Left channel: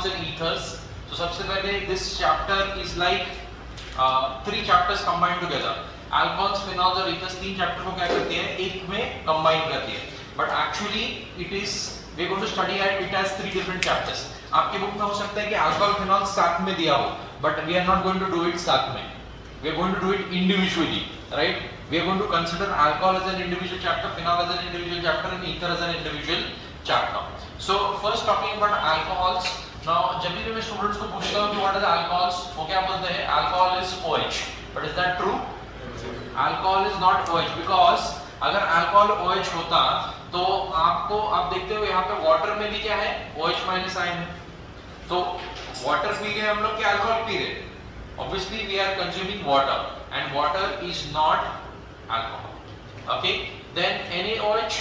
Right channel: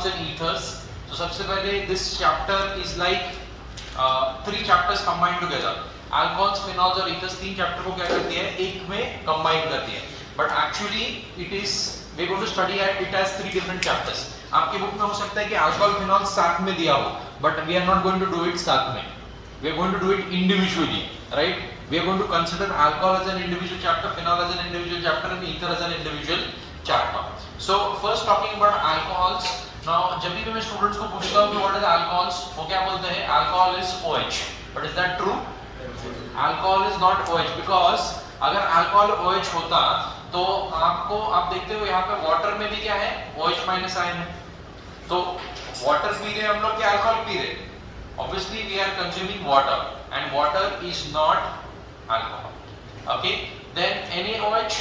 phenols and ethers. So सबसे पहले this chapter is like 3 chapters combined together. Alcohols, phenols और ethers 3 chapter को क्या करती है, एक में combine करती है. But actually it is we are going to study it as 3 different chapters. आपके बुक में हो सकता है कि alcohol, phenol साथ में दिया हो, but we are not going to do it साथ में. We are going to do it individually, right? We are going to consider alcohol as an individual chapter, phenol as an individual chapter, and ether as an individual chapter. So first talking about alcohols. Now जब भी मैं students को पूछता हूँ कि what is alcohols, वो क्या बोलते हैं? Alcohol is OH. But is that true? Alcohol is not OH because अगर alcohol OH होता तो आपको आप देखते हो यहाँ पे वाटर में भी क्या है? OH माइनस आयन है. तो वाटर पी रहे हम लोग कि अल्कोहल पी रहे? Obviously we are consuming water and water is not alcohol. Okay, then NaOH.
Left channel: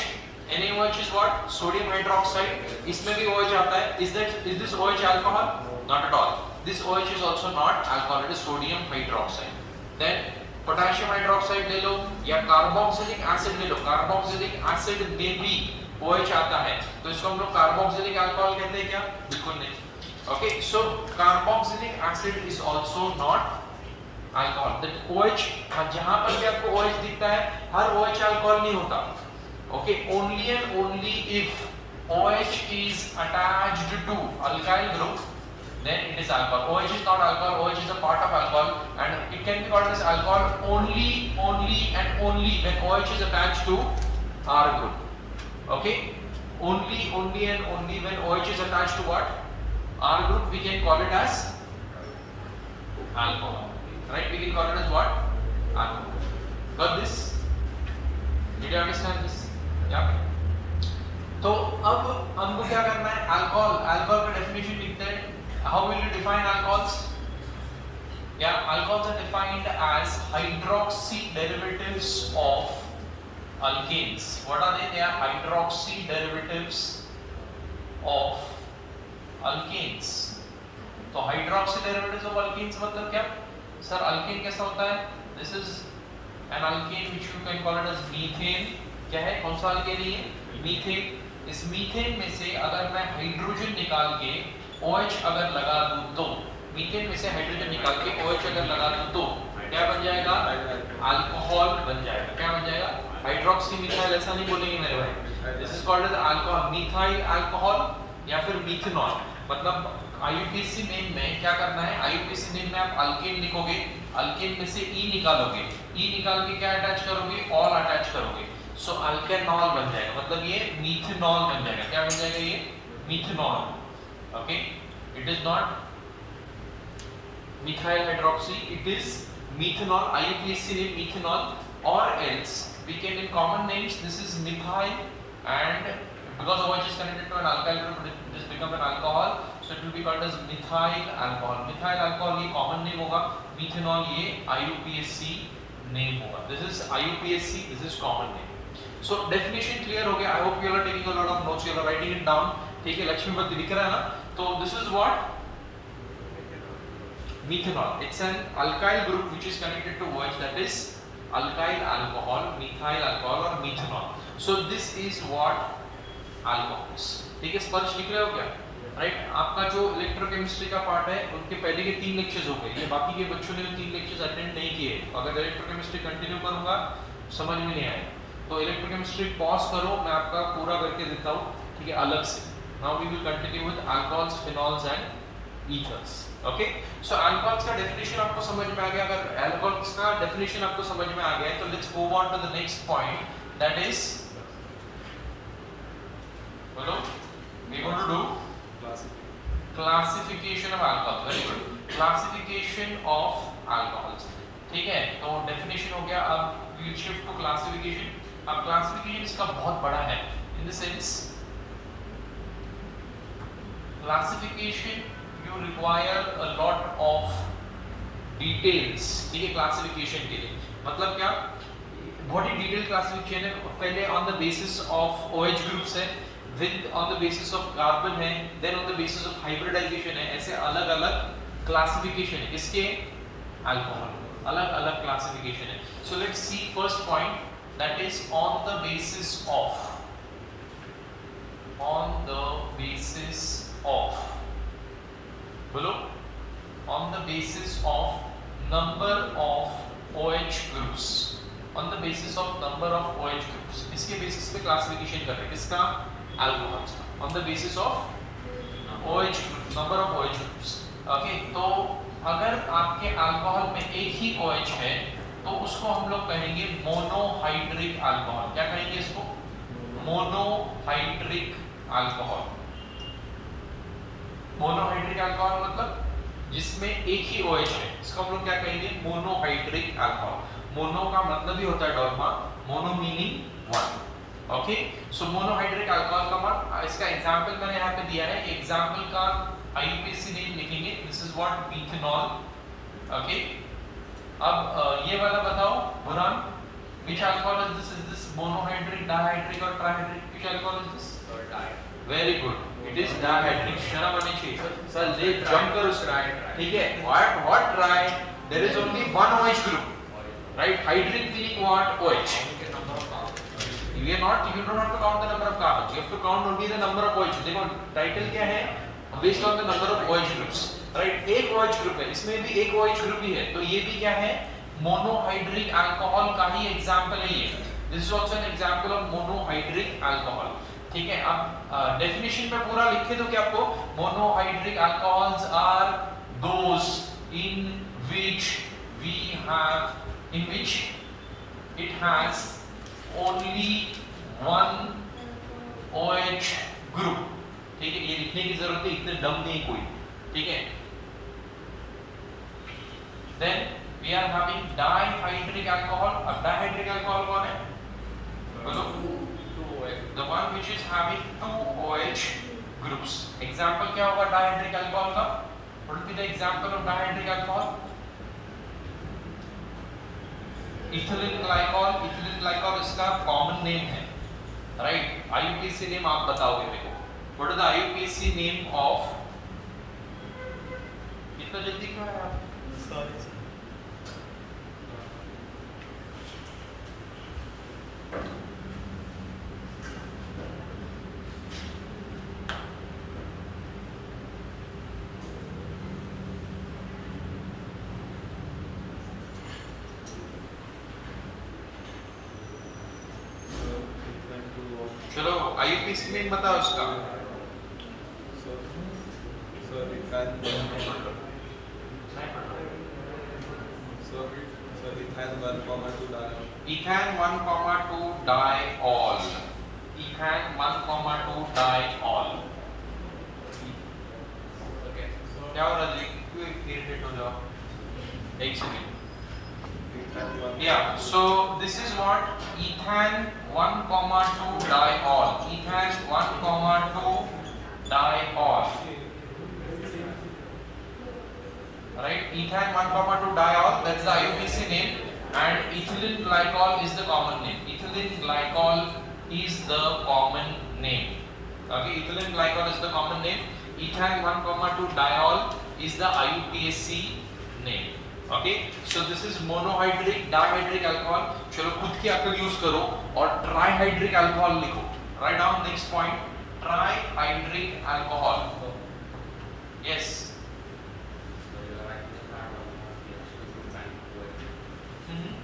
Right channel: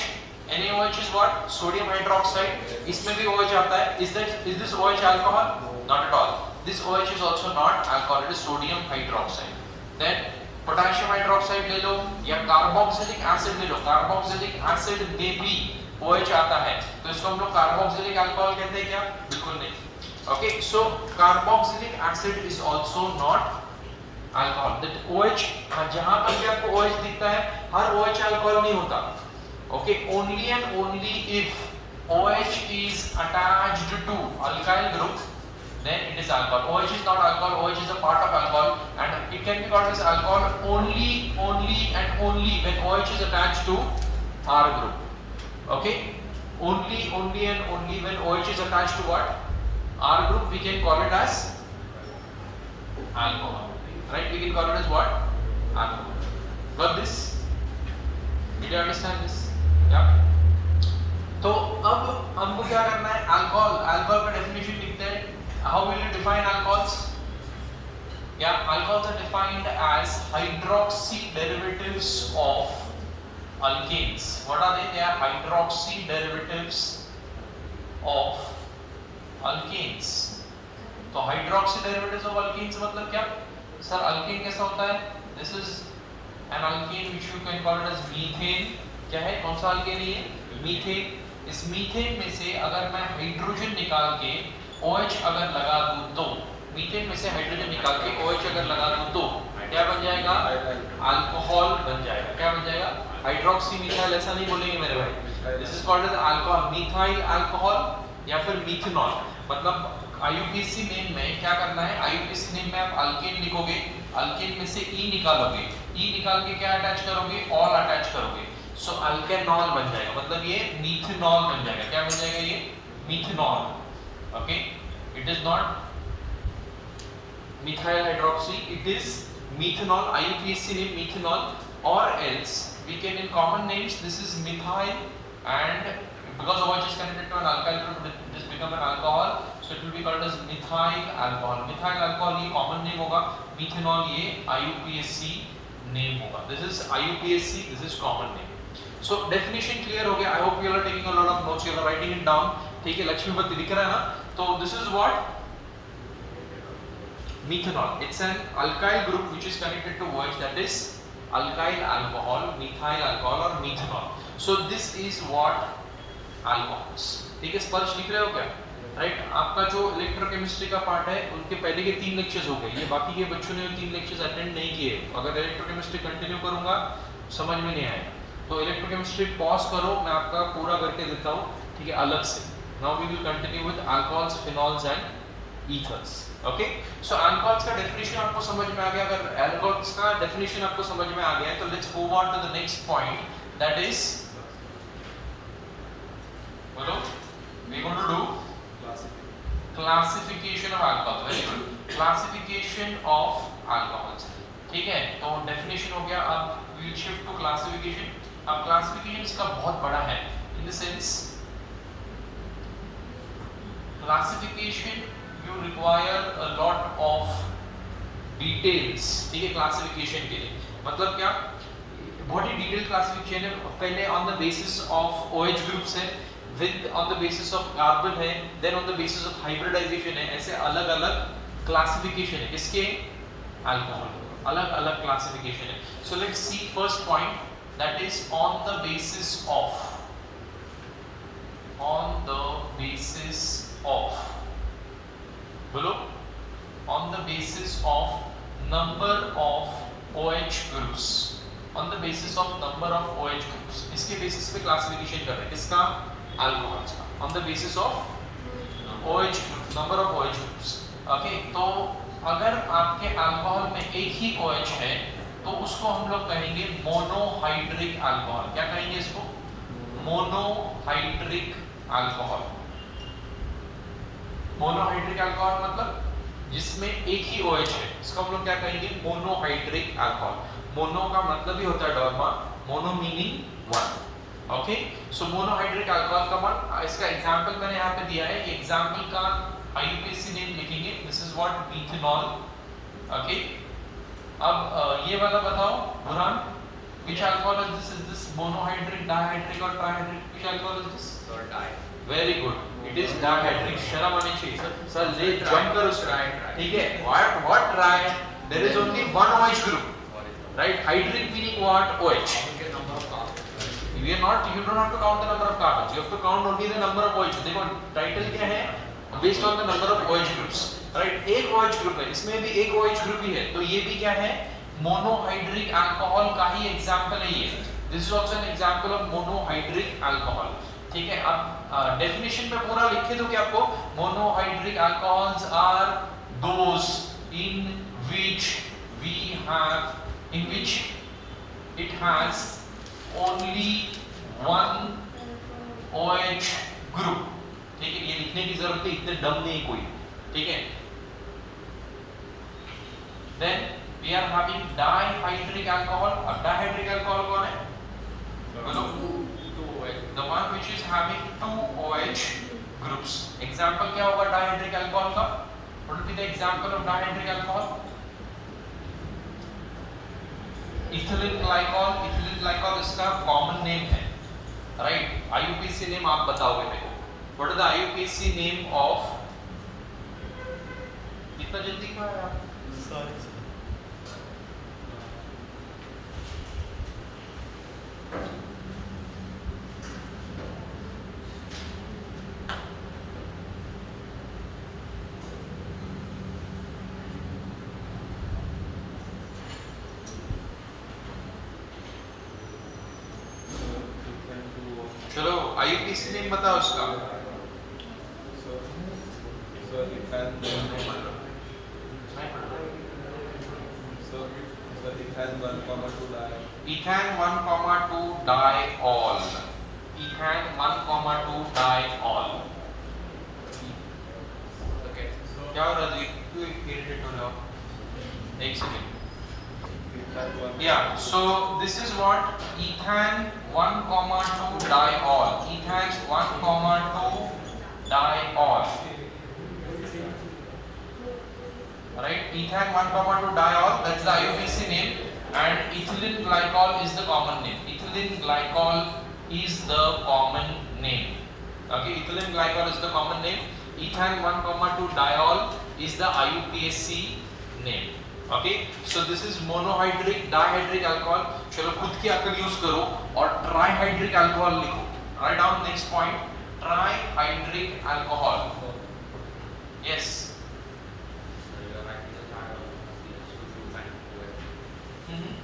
NaOH is what? Sodium hydroxide. इसमें भी OH आता है. Is this OH alcohol? Not at all. This OH is also not alcohol. It is sodium hydroxide. Then potassium hydroxide ले लो या carboxylic acid ले लो. Carboxylic acid में भी OH आता है. तो इसको हम लोग कार्बोक्सिलिक अल्कोहल कहते हैं क्या? बिल्कुल नहीं. Okay, so carboxylic acid is also not alcohol. That OH जहाँ पर भी आपको OH दिखता है, हर OH alcohol नहीं होता. Okay, only and only if OH is attached to alkyl group, then it is alcohol. OH is not alcohol. OH is a part of alcohol, and it can be called as alcohol only and only when OH is attached to R group. Okay, only and only when OH is attached to what? R group, we can call it as alcohol, right? We can call it as what? Alcohol. Got this? Did you understand this? Yeah. तो अब हमको क्या करना है? Alcohol का definition लिखते हैं. How will you define alcohols? Yeah, alcohols are defined as hydroxy derivatives of alkanes. What are they? They are hydroxy derivatives of alkanes. तो hydroxy derivatives of alkanes मतलब क्या? सर alkane कैसा होता है? This is an alkane which you can call it as methane. क्या है? कौन सा alkane है? Methane. इस मीथेन में से अगर मैं हाइड्रोजन निकाल के OH अगर लगा दूं तो, मीथेन में से हाइड्रोजन निकाल के OH अगर लगा दूं तो क्या बन जाएगा? अल्कोहल बन जाएगा. क्या बन जाएगा? Hydroxy methyl. ऐसा नहीं बोलेंगे मेरे भाई. This is called as alcohol, methyl alcohol या फिर मिथेनॉल. मतलब IUPAC नेम में क्या करना है? IUPAC नेम में आप अल्केन लिखोगे, अल्केन में से E निकालोगे, E निकाल के क्या अटैच करोगे? ऑल अटैच करोगे. सो अल्केनॉल बन जाएगा. मतलब ये मिथेनॉल बन जाएगा. क्या बन जाएगा? ये methanol. Okay, it is not methyl hydroxy, it is methanol. IUPAC name methanol. और else we can in common names this is methyl, and because OH is connected to an alkyl group this become an alcohol, so it will be called as methyl alcohol. Methyl alcohol ये common name होगा. methanol ये IUPAC name होगा. This is IUPAC, this is common name. So definition clear हो गया. I hope you are taking a lot of notes, you are writing it down. ठीक है, लक्ष्मीपति दिख रहा है ना? तो this is what methanol. It's an alkyl group which is connected to OH, that is alkyl alcohol, methyl alcohol or methanol. So this is what alcohols. ठीक है, स्पष्ट लिख रहे हो क्या? राइट. आपका जो इलेक्ट्रोकेमिस्ट्री का पार्ट है उनके पहले के 3 लेक्चर्स हो गए. ये बाकी के बच्चों ने 3 लेक्चर्स अटेंड नहीं किए. अगर इलेक्ट्रोकेमिस्ट्री कंटिन्यू करूंगा समझ में नहीं आएगा तो इलेक्ट्रोकेमिस्ट्री पॉज करो, मैं आपका पूरा करके देता हूँ. ठीक है, अलग से. Now we will continue with alcohols, phenols and ethers. Okay, so alcohols का डेफिनेशन आपको समझ में आ गया. अगर अल्कोहल्स का डेफिनेशन आपको समझ में आ गया है तो let's move on to the next point, that is बोलो, we going to do classification of alcohol. Very good, classification of alcohols. ठीक है, तो डेफिनेशन हो गया. अब वी शिफ्ट टू क्लासिफिकेशन. अब क्लासिफिकेशन इसका बहुत बड़ा है in the sense classification you require a lot of details. ठीक है, क्लासिफिकेशन के लिए मतलब क्या? बहुत ही डिटेल क्लासिफिकेशन है. पहले on the basis of OH groups है, with on the basis of carbon है, then on the basis of hybridisation है. ऐसे अलग अलग क्लासिफिकेशन है. किसके? अल्कोहल. अलग अलग क्लासिफिकेशन है. So let's see first point, that is on the basis of बोलो, on the basis of number of OH groups, on the basis of number of OH groups, इसके बेसिस पे classification कर रहे हैं किसका, अल्कोहल्स का, on the basis of OH group, number of OH groups. Okay, तो अगर आपके अल्कोहल में एक ही OH है तो उसको हम लोग कहेंगे मोनोहाइड्रिक अल्कोहल. क्या कहेंगे इसको, मोनोहाइड्रिक अल्कोहल. मोनोहाइड्रिक अल्कोहल मतलब जिसमें एक ही OH है, इसको हम लोग क्या कहेंगे, मोनोहाइड्रिक अल्कोहल. मोनो का मतलब ही होता है डॉर्मा, मोनो मीनिंग वन. ओके, सो मोनोहाइड्रिक अल्कोहल का वन, इसका एग्जांपल मैंने यहाँ पे दिया है. एग्जांपल का IUPAC नेम लिखेंगे, this is what methanol. Okay, अब ये वाला बताओ बुरान, which alcohol is this? Is this monohydric, dihydric or trihydric? Which alcohol is this? Very good. It is dihydric. शर्म आनी चाहिए सर, ले जंप करो सर. ठीक है, what try? There is only one OH group, right? Hydric meaning what? OH. You don't have to count the number of carbons. You have to count only the number of OH. देखो title क्या है? Based on the number of OH groups, right? एक OH group है, इसमें भी एक OH group ही है, तो ये भी क्या है, मोनोहाइड्रिक अल्कोहल का ही एग्जांपल है ये. This is also an example of monohydric alcohol. ठीक है, अब डेफिनेशन में पूरा लिखे दो कि आपको, monohydric alcohols are those in which it has only one OH group. ठीक है, ये लिखने की जरूरत है, इतने डम नहीं कोई. ठीक है, then we are having dihydric alcohol. अब dihydric alcohol कौन है, बोलो, the one which is having two OH groups. example क्या होगा dihydric alcohol का, what will be the example of dihydric alcohol? ethylene glycol. ethylene glycol इसका common name है, right? IUPAC name आप बताओगे मेरे को. what is the IUPAC name of, इतना जल्दी क्यों है आप, सॉरी. चलो IUPAC नेम बताओ उसका. Ethan 1,2 diol. Ethan 1,2 diol. Okay. क्या हो रहा है, क्यों इरिटेट हो रहे हो? एक second. Yeah, so this is what ethan 1,2 diol. Ethan 1,2 diol. Right? Ethan 1,2 diol. That's the IUPAC name. And ethylene glycol is the common name. Ethylene glycol is the common name. Okay, ethylene glycol is the common name. Ethan 1,2 diol is the IUPAC name. Okay, so this is monohydric, dihydric alcohol. चलो खुद की अक्ल use करो और trihydric alcohol लिखो. Write down next point. Trihydric alcohol. Yes.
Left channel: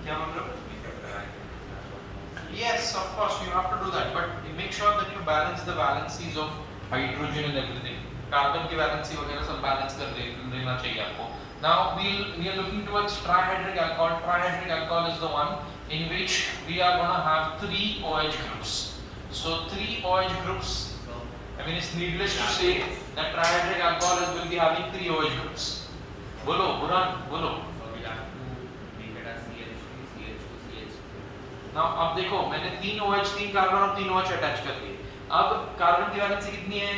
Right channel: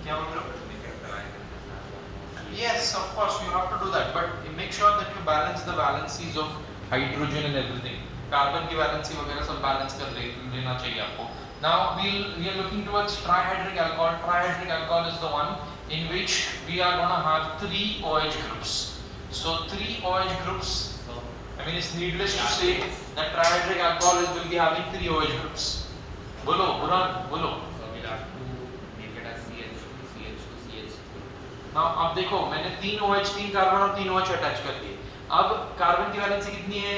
क्या बोल रहे हो? Yes, of course you have to do that, but you make sure that you balance the valencies of hydrogen and everything. Carbon की valency वगैरह सब balance कर लेना चाहिए आपको. Now we are looking towards trihydric alcohol. Trihydric alcohol is the one in which we are going to have 3 OH groups. So 3 OH groups. I mean it's needless to say that trihydric alcohol will be having 3 OH groups. बोलो बुरान बोलो. Now अब देखो मैंने 3 OH 3 carbon और 3 OH attach कर दिए. अब carbon की वैलेंसी कितनी है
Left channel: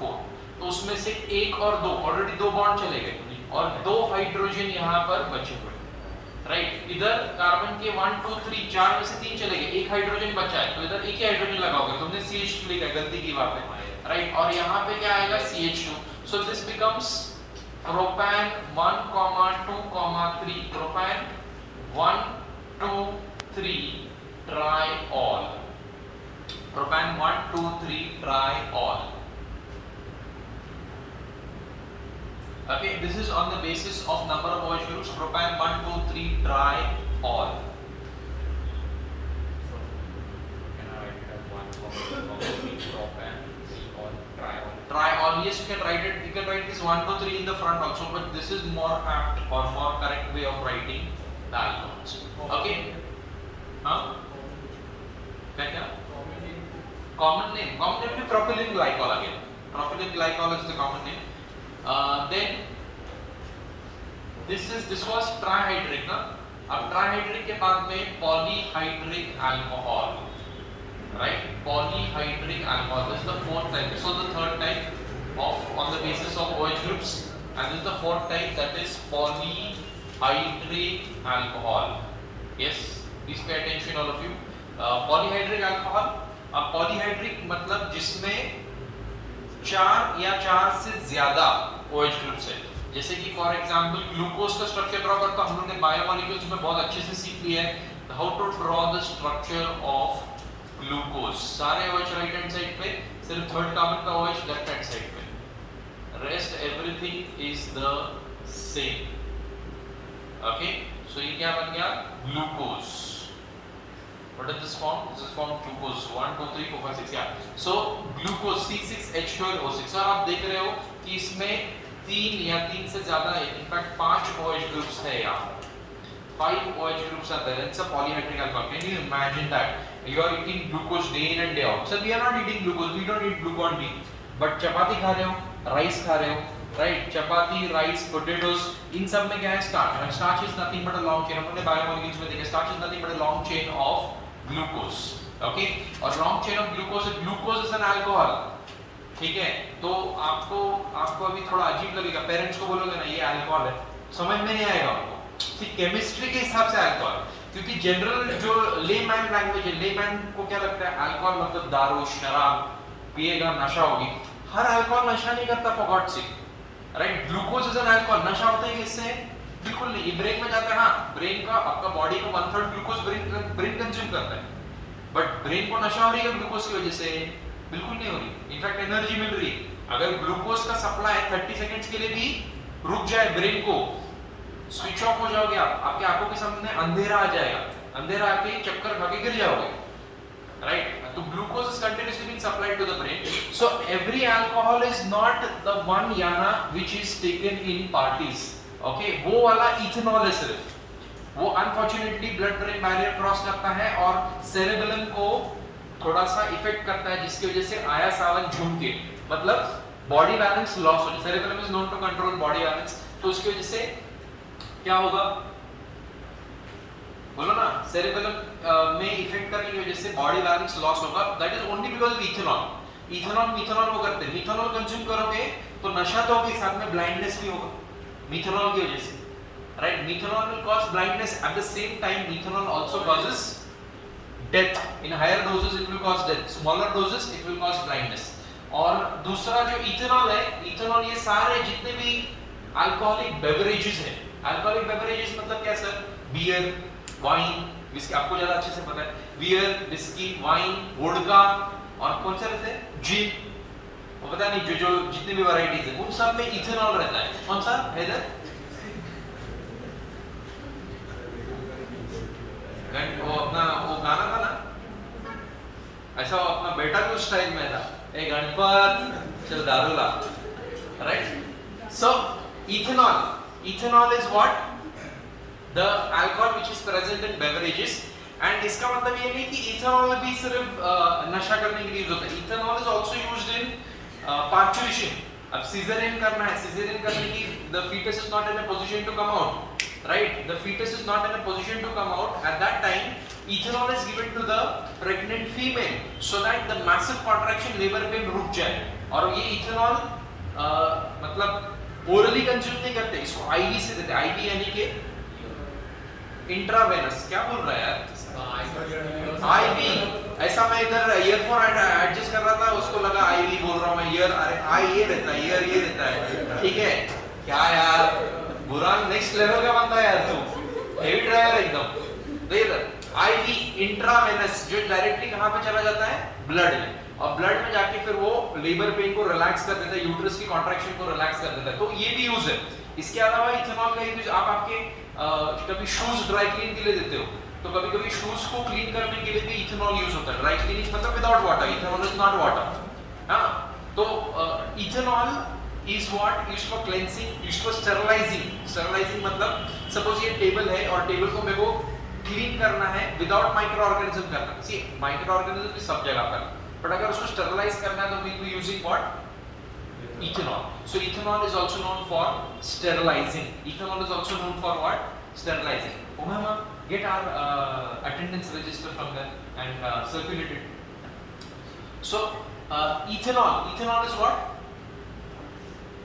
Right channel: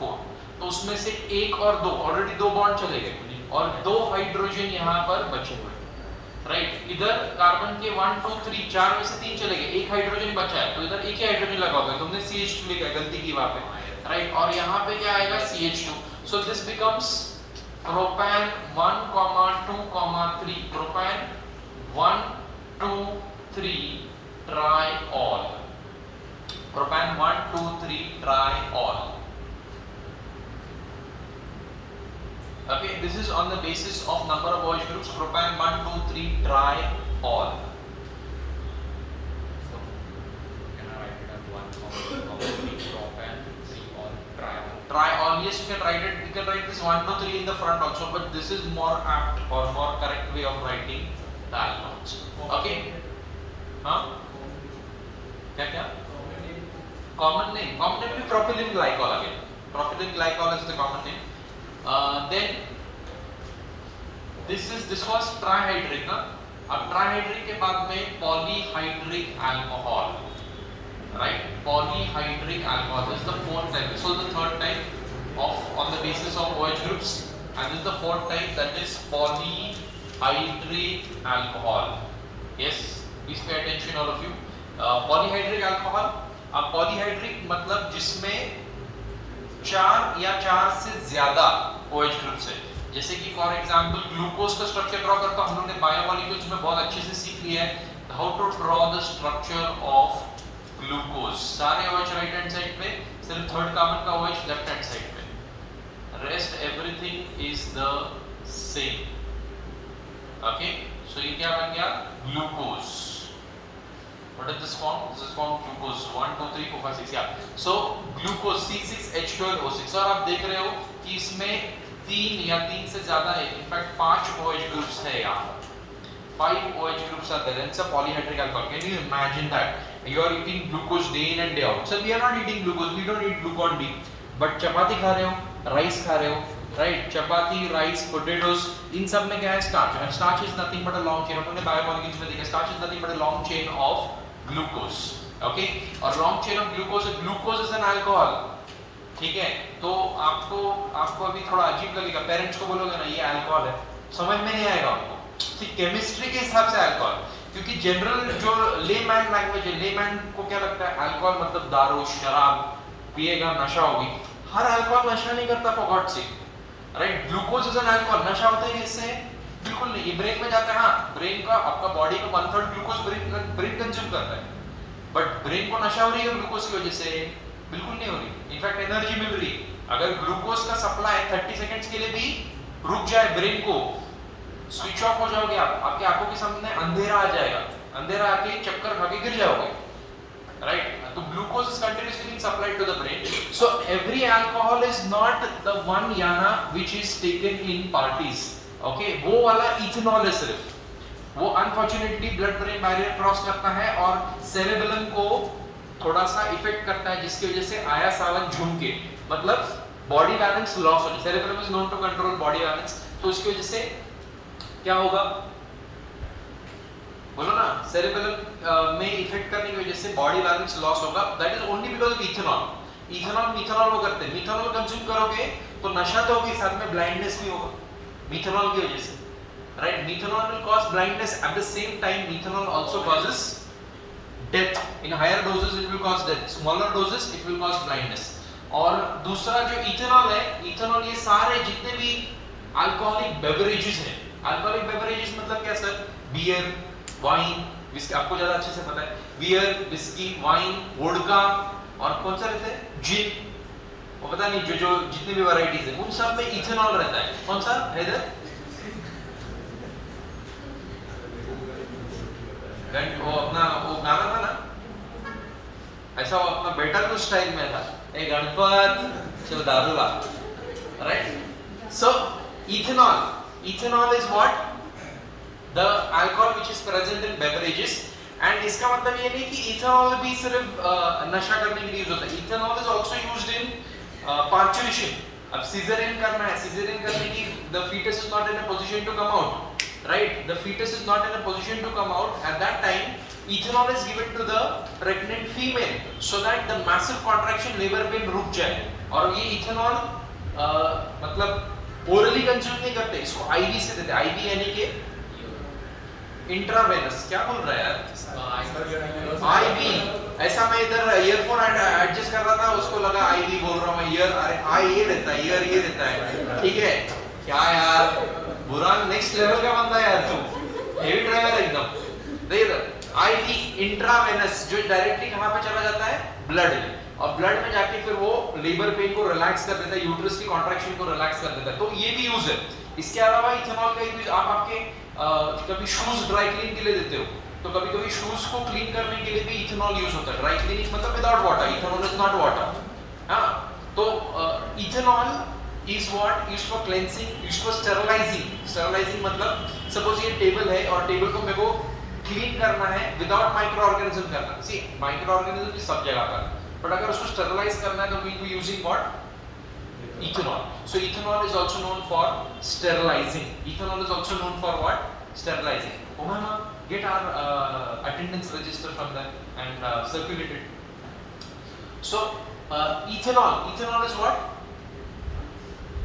4. तो उसमें से 1 और 2 ऑलरेडी 2 बॉन्ड चले गए और 2 हाइड्रोजन यहाँ पर बचे हुए. राइट, इधर कार्बन के 1 2 3 4 में से 3 चले गए, 1 हाइड्रोजन बचा है, तो इधर एक ही हाइड्रोजन लगाओगे. तुमने CH2 लिखा, गलती की वहां पे. राइट, और यहाँ पे क्या आएगा CH2. So this becomes propane 1,2,3. Propane 1 2 3 triol. Propan 1 2 3 triol. Okay, this is on the basis of number of OH groups. Propan 1, 2, 3 triol. So can I write it as 1, 2, 3 propan, 3 all triol? Triol, yes, you can write it. You can write this 1, 2, 3 in the front also, but this is more apt or more correct way of writing the alcohols. Okay? Huh? क्या? Common name. Common name is propylene glycol again. Propylene glycol is the common name. Then this was trihydric ना. अब trihydric के बाद में polyhydric alcohol, right? Polyhydric alcohol. This is the fourth type. So the third type of on the basis of OH groups, and this is the fourth type, that is polyhydric alcohol. Yes, please pay attention all of you. Polyhydric alcohol. अब polyhydric मतलब जिसमें 4 या 4 से ज्यादा OH groups है, जैसे कि for example glucose का स्ट्रक्चर ड्रॉ करता हम लोगों ने बायोमोलिक्यूल्स में बहुत अच्छे से सीख लिया है, how to draw the structure of glucose. सारे OH राइट हैंड साइड पे, सिर्फ थर्ड कार्बन का OH लेफ्ट हैंड साइड पे, rest everything is the same. Okay, so ये क्या बन गया? Glucose. What is this form? This is form glucose. 1, 2, 3, 4, 5, 6. Yeah. So glucose C6H12O6. और आप देख रहे हो कि इसमें 3 या 3 से ज्यादा है. In fact 5 OH groups है यहाँ. 5 OH groups are there. It's a polyhydric alcohol. Can you imagine that? You are eating glucose day in and day out. So we are not eating glucose. We don't eat glucon D. But चपाती खा रहे हो, rice खा रहे हो, right? चपाती, rice, potatoes. इन सब में क्या है? Starch. And starch is nothing but a long chain. हमने बायोमोलिक्यूल्स में देखा. Starch is nothing but a long chain of glucose. Okay, और long chain of glucose, glucose is an alcohol. ठीक है, तो आपको अभी थोड़ा अजीब लगेगा. पेरेंट्स को बोलोगे ना ये अल्कोहल है, समझ में नहीं आएगा आपको कि केमिस्ट्री के हिसाब से अल्कोहल, क्योंकि जनरल जो लेमैन लैंग्वेज है, लेमैन को क्या लगता है अल्कोहल मतलब दारू, शराब पिएगा नशा होगी. हर अल्कोहल नशा नहीं करता, for God sake, right? Glucose is an alcohol. नशा होता है किससे? बिल्कुल नहीं. ये ब्रेन में जाता है. हाँ, ब्रेन का आपका बॉडी का 1/3 ग्लूकोज ब्रेन कंज्यूम करता है, बट ब्रेन को नशा हो रही है ग्लूकोज की वजह से? बिल्कुल नहीं हो रही. इनफैक्ट एनर्जी मिल रही है. अगर ग्लूकोज का सप्लाई 30 सेकंड्स के लिए भी रुक जाए, ब्रेन को स्विच ऑफ हो जाओगे आप, आपकी आंखों के सामने अंधेरा आ जाएगा. अंधेरा आके चक्कर खा के गिर जाओगे, राइट? तो glucose is continuously being supplied to the brain. So every alcohol is not the one याना which is taken in parties. Okay, वो वाला इथेनॉल है सिर्फ. वो unfortunately blood brain barrier cross करता है और सेरेबेलम को थोड़ा सा इफेक्ट करता है, जिसकी वजह से आया सावन झुमके, मतलब बॉडी बैलेंस लॉस हो जाए. Cerebellum is known to control body balance. तो उसकी वजह से क्या होगा? बोलो ना. सेरेबेलम में इफेक्ट करने की वजह से बॉडी बैलेंस लॉस होगा. That is only because of ethanol. Ethanol methanol वो करते हैं. मिथेनॉल कंज्यूम करोगे तो नशा तो होगा, साथ में ब्लाइंडनेस भी होगा मिथेनॉल की वजह से, right? Methanol will cause blindness. At the same time, methanol also causes death. In higher doses, it will cause death. Smaller doses, it will cause blindness. और दूसरा जो इथेनॉल है, इथेनॉल ये सारे जितने भी अल्कोहलिक बेवरेजेस हैं. अल्कोहलिक बेवरेजेस मतलब क्या सर? Beer, wine, whisky. आपको ज्यादा अच्छे से पता है. बियर, विस्की, वाइन, वोडका और कौन सा रहता है? जिन. वो पता नहीं जो जितनी भी वैरायटीज है उन सब में इथेनॉल रहता है. कौन सा? हैदर वो अपना वो गाना था ना, ऐसा वो अपना बेटा को स्टाइल में था, ए गणपत चल दारू ला, right? So ethanol is what? The alcohol which is present in beverages. And इसका मतलब ये नहीं कि इथेनॉल भी सिर्फ नशा करने के लिए यूज होता है. Ethanol is also used in parturition. अब सीजरियन करना है, सीजरियन करने की the fetus is not in a position to come out, right? The fetus is not in a position to come out. At that time, ethanol is given to the pregnant female so that the massive contraction labor pain रुक जाए. और ये ethanol मतलब orally consume नहीं करते, इसको IV से देते. IV यानी कि इंट्रावेनस. क्या बोल रहा है यार? IV. ऐसा मैं इधर ईयरफोन एडजस्ट कर रहा था, उसको लगा IV बोल रहा हूँ मैं. ईयर, अरे आई ये रहता है, ईयर ये रहता है. ठीक है क्या यार, बुरा नेक्स्ट लेवल का बंदा यार तू. हेवी ड्राइवर एकदम. देख IV इंट्रावेनस जो डायरेक्टली कहां पे चला जाता है? ब्लड में. और ब्लड में जाके फिर वो लेबर पेन को रिलैक्स कर देता है, यूट्रस की कॉन्ट्रैक्शन को रिलैक्स कर देता है, तो ये भी यूज है। इसके अलावा इथेनॉल का यूज आप आपके कभी शूज ड्राई क्लीन के लिए देते हो, तो कभी कभी शूज को क्लीन करने के लिए भी इथेनॉल यूज होता है। ड्राई क्लीनिंग मतलब without water, ethanol is not water, हाँ। तो ethanol is what used for cleansing, used for sterilising. Sterilising मतलब सपोज ये टेबल है और टेबल को मेरे को क्लीन करना है विदाउट माइक्रो ऑर्गेनिज्म करना। सी माइक्रो ऑर्गेनिज्म भी सब जगह पर, बट अगर उसको स्टेरिलाइज करना है तो we be using what, ethanol. So ethanol is also known for sterilizing. Ethanol is also known for what? Sterilizing. Umama, get our attendance register from them and circulate it. So ethanol. Ethanol is what?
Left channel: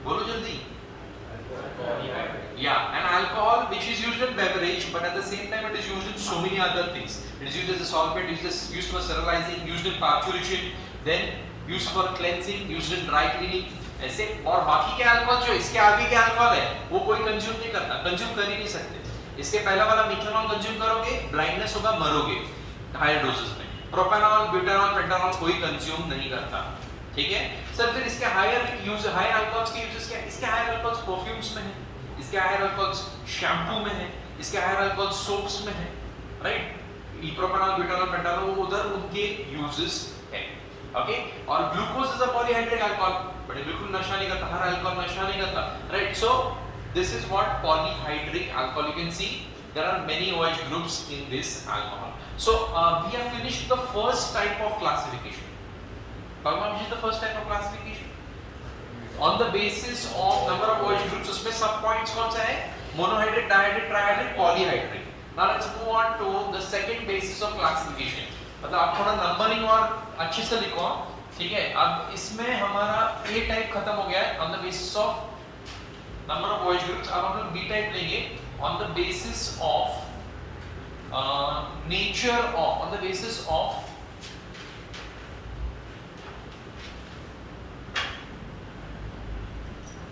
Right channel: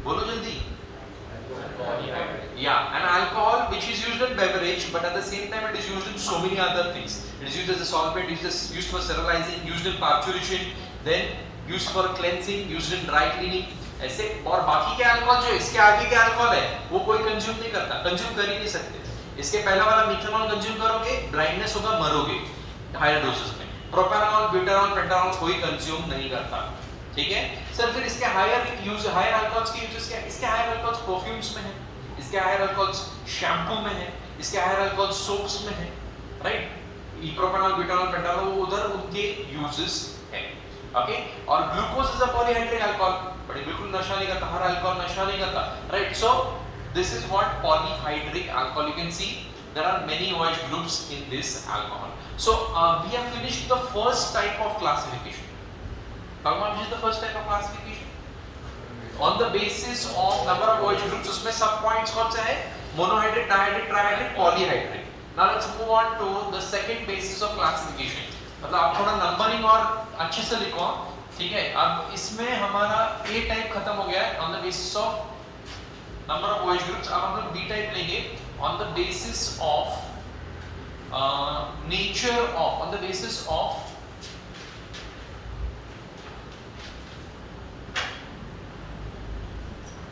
Bolo jaldi. Yeah, an alcohol which is used in beverage, but at the same time it is used in so many other things. It is used as a solvent, it is used for sterilizing, used in parturition, then used for cleansing, used in dry cleaning. ऐसे और बाकी के alcohol जो इसके आगे के alcohol है वो कोई कंज्यूम नहीं करता, कंज्यूम कर ही नहीं सकते। इसके पहला वाला मिथेनॉल कंज्यूम करोगे ब्लाइंडनेस होगा, मरोगे हायर डोसेस में। प्रोपेनॉल, ब्यूटेनॉल, पेंटानॉल कोई कंज्यूम नहीं करता, ठीक है सर। फिर इसके हायर यूज, हायर अल्कोहल्स के यूजेस क्या? इसके हायर अल्कोहल्स परफ्यूम्स में है, इसके हायर अल्कोहल्स शैम्पू में है, इसके हायर अल्कोहल्स सोप्स में है, राइट। प्रोपेनॉल, ब्यूटेनॉल, पेंटानॉल उधर उनके यूजेस है, ओके। और glucose is a polyhydric alcohol, but बिल्कुल नशा नहीं करता, हर अल्कोहल नशा नहीं करता, right. So this is what polyhydric alcohol. You can see there are many OH groups in this alcohol. So we have finished the first type of classification. Which is the first type of classification? On the basis of number of OH groups. उसमें सब points कौन सा है? Monohydric, dihydric, trihydric, polyhydric. Now let's move on to the second basis of classification. मतलब आप थोड़ा numbering और अच्छे से लिखो, ठीक है। अब इसमें हमारा A टाइप खत्म हो गया है on the basis of number of OH groups. अब हम लोग B टाइप लेंगे on the basis of nature of, on the basis of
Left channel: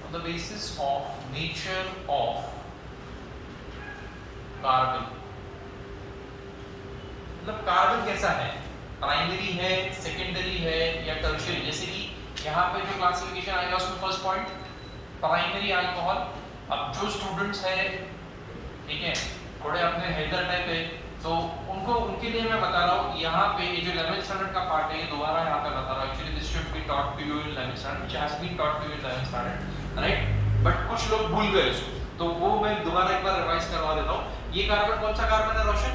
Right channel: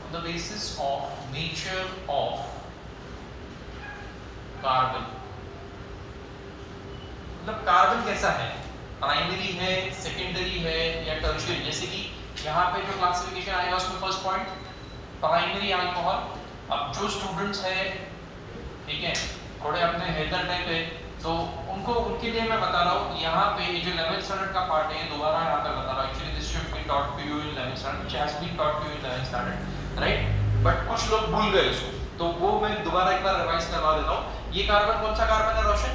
on the basis of nature of carbon. मतलब कार्बन कैसा है, प्राइमरी है, सेकेंडरी है या टर्शियरी। जैसे कि यहाँ पे जो क्लासिफिकेशन आएगा उसमें फर्स्ट पॉइंट प्राइमरी अल्कोहल। अब जो स्टूडेंट्स है, ठीक है, थोड़े अपने हेडर टाइप है, तो उनको उनके लिए मैं बता रहा हूँ यहाँ पे ये जो 11th स्टैंडर्ड का पार्ट है दोबारा यहाँ पे बता रहा हूँ। Actually this should be taught to you in 11th standard, which has been taught to you in 11th standard, right. But कुछ लोग भूल गए इसको, तो वो मैं दोबारा एक बार रिवाइज करवा देता हूँ। ये कार्बन कौन सा कार्बन है रोशन?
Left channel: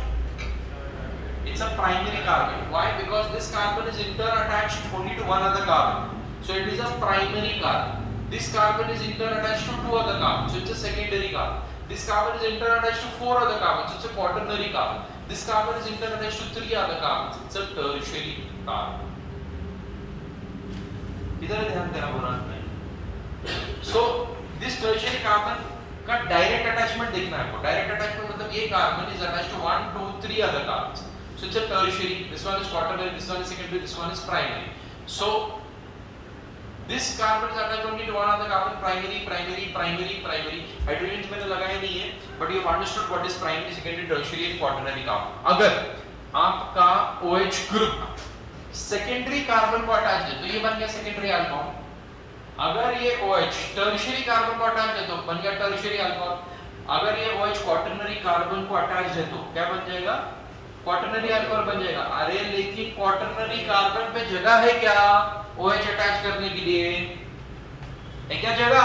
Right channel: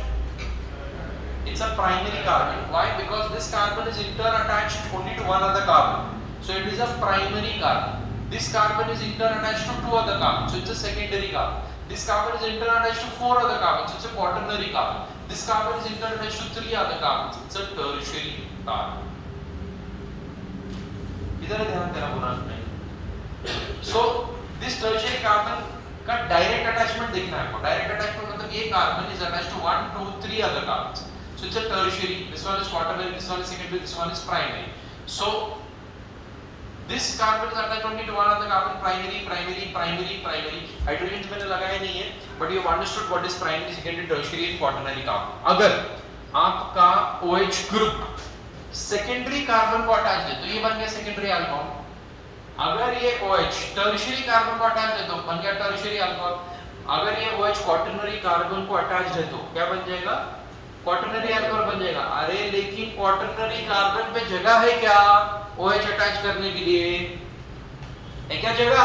It's a primary carbon. Why? Because this carbon is inter-attached only to one other carbon. So it is a primary carbon. This carbon is inter-attached to two other carbons. So it's a secondary carbon. This carbon is inter-attached to four other carbons. So it's a quaternary carbon. This carbon is inter-attached to three other carbons. It's a tertiary carbon. इधर ध्यान देना पूरा। So this tertiary carbon का direct attachment देखना है आपको। Direct attachment मतलब ये carbon is attached to 1, 2, 3 other carbons. So it's a tertiary. This one is quaternary. This one is secondary. This one is primary. So this carbon is attached only to one other carbon. Primary, primary, primary, primary. Hydrogen मैंने लगाया नहीं है, but you have understood what is primary, secondary, tertiary, and quaternary carbon. अगर आपका OH group secondary carbon को attach है तो ये बन गया secondary alcohol. अगर ये OH tertiary carbon को अटैच है तो बन गया tertiary alcohol. अगर ये OH quaternary carbon को अटैच है तो क्या बन जाएगा? क्वाटरनरी अल्कोहल बन जाएगा। अरे लेकिन क्वाटरनरी कार्बन पे जगह है क्या OH अटैच करने के लिए? है क्या जगह?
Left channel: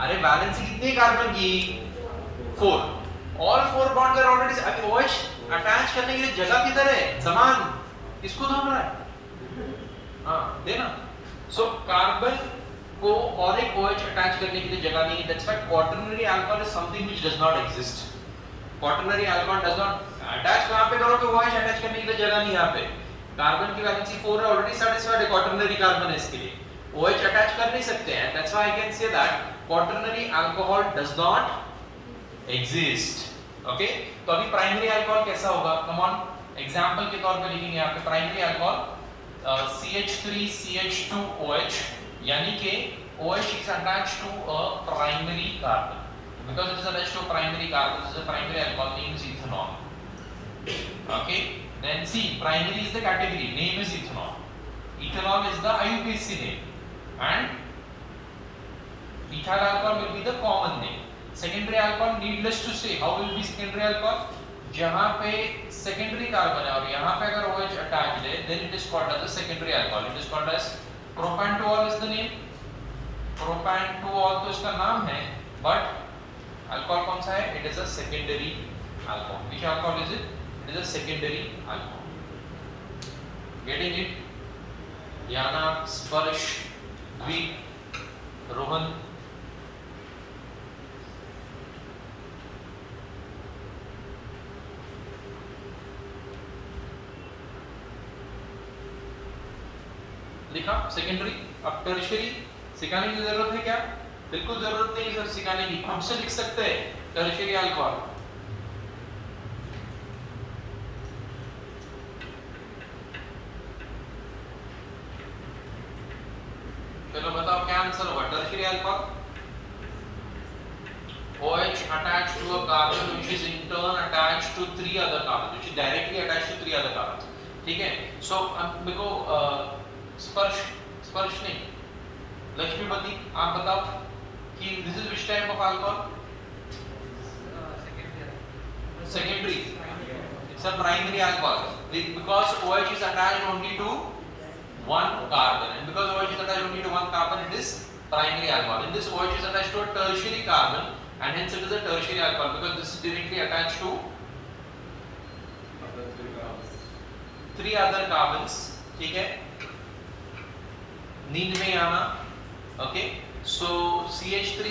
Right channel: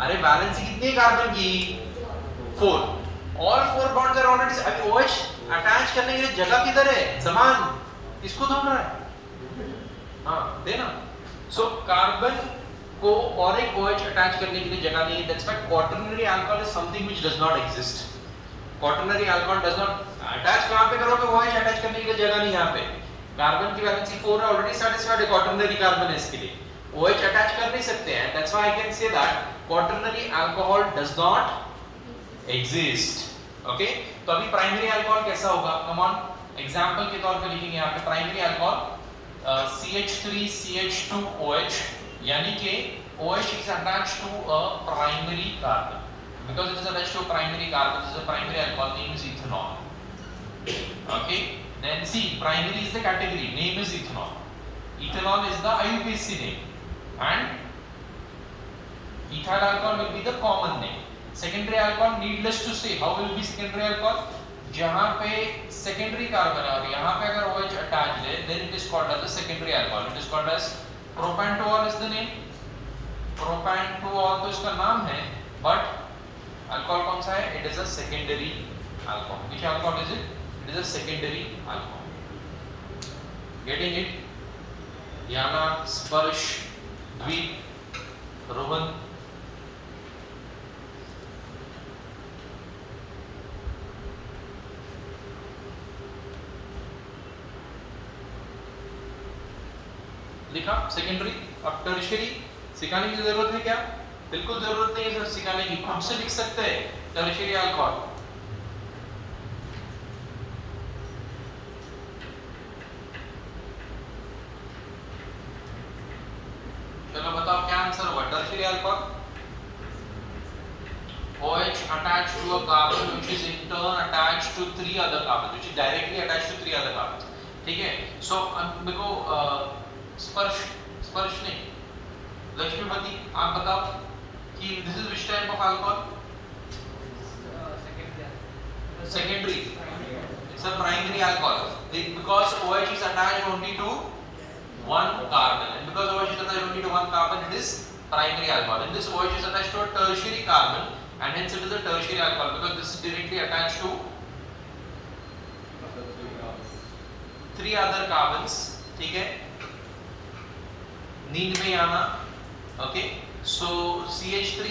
अरे वैलेंसी कितनी है कार्बन की? 4। All 4 bonds are already. अभी OH अटैच करने के लिए जगह किधर है? समान किसको ढूंढ रहा है? हाँ देना। सो कार्बन को और एक OH अटैच करने के लिए जगह नहीं है। That's why quaternary alcohol is something which does not exist. Quaternary alcohol does not attach. कहां पे करोगे? OH अटैच करने के लिए जगह नहीं यहाँ पे। कार्बन की वैलेंसी 4 है, ऑलरेडी सैटिस्फाइड है, क्वाटरनरी कार्बन है, इसके लिए OH अटैच कर नहीं सकते हैं। That's why I can say that quaternary alcohol does not exist. Okay, तो अभी प्राइमरी अल्कोहल कैसा होगा? कम ऑन, एग्जांपल के तौर पे लिखेंगे यहाँ पे प्राइमरी अल्कोहल CH3CH2OH, यानी कि OH is attached to a primary carbon. Because it is attached to a primary carbon, this is a primary alcohol, name is ethanol. Okay, then see, primary is the category, name is ethanol. ethanol is the IUPAC name and ethyl alcohol will be the common name. Secondary alcohol, needless to say, how will be secondary alcohol? जहाँ पे secondary carbon है और यहाँ पे अगर OH attached है, then it is called as a secondary alcohol. It is called as propan-2-ol is the name. propan-2-ol तो इसका नाम है, but alcohol कौन सा है? It is a secondary alcohol. Which alcohol is it? It is a secondary alcohol. Getting it? Diana, Sparsh, Dweep, Rohan. लिखा secondary. अब tertiary सिखाने की जरूरत है क्या? बिल्कुल जरूरत नहीं है सर सिखाने की, खुद से लिख सकते हैं टर्शियरी अल्कोहल. चलो बताओ क्या आंसर होगा. Tertiary alcohol, OH attached to a carbon which is in turn attached to 3 other carbons, which is directly attached to 3 other carbons. ठीक है. सो देखो स्पर्श नहीं, लक्ष्मीपति आप बताओ कि this is which type of alcohol? Secondary. It's a primary alcohol because OH is attached only to one carbon, and because OH is attached only to one carbon, it is primary alcohol. And this OH is attached to a tertiary carbon, and hence it is a tertiary alcohol because this is directly attached to 3 other carbons. ठीक है, नींद में आना. Okay, so CH3,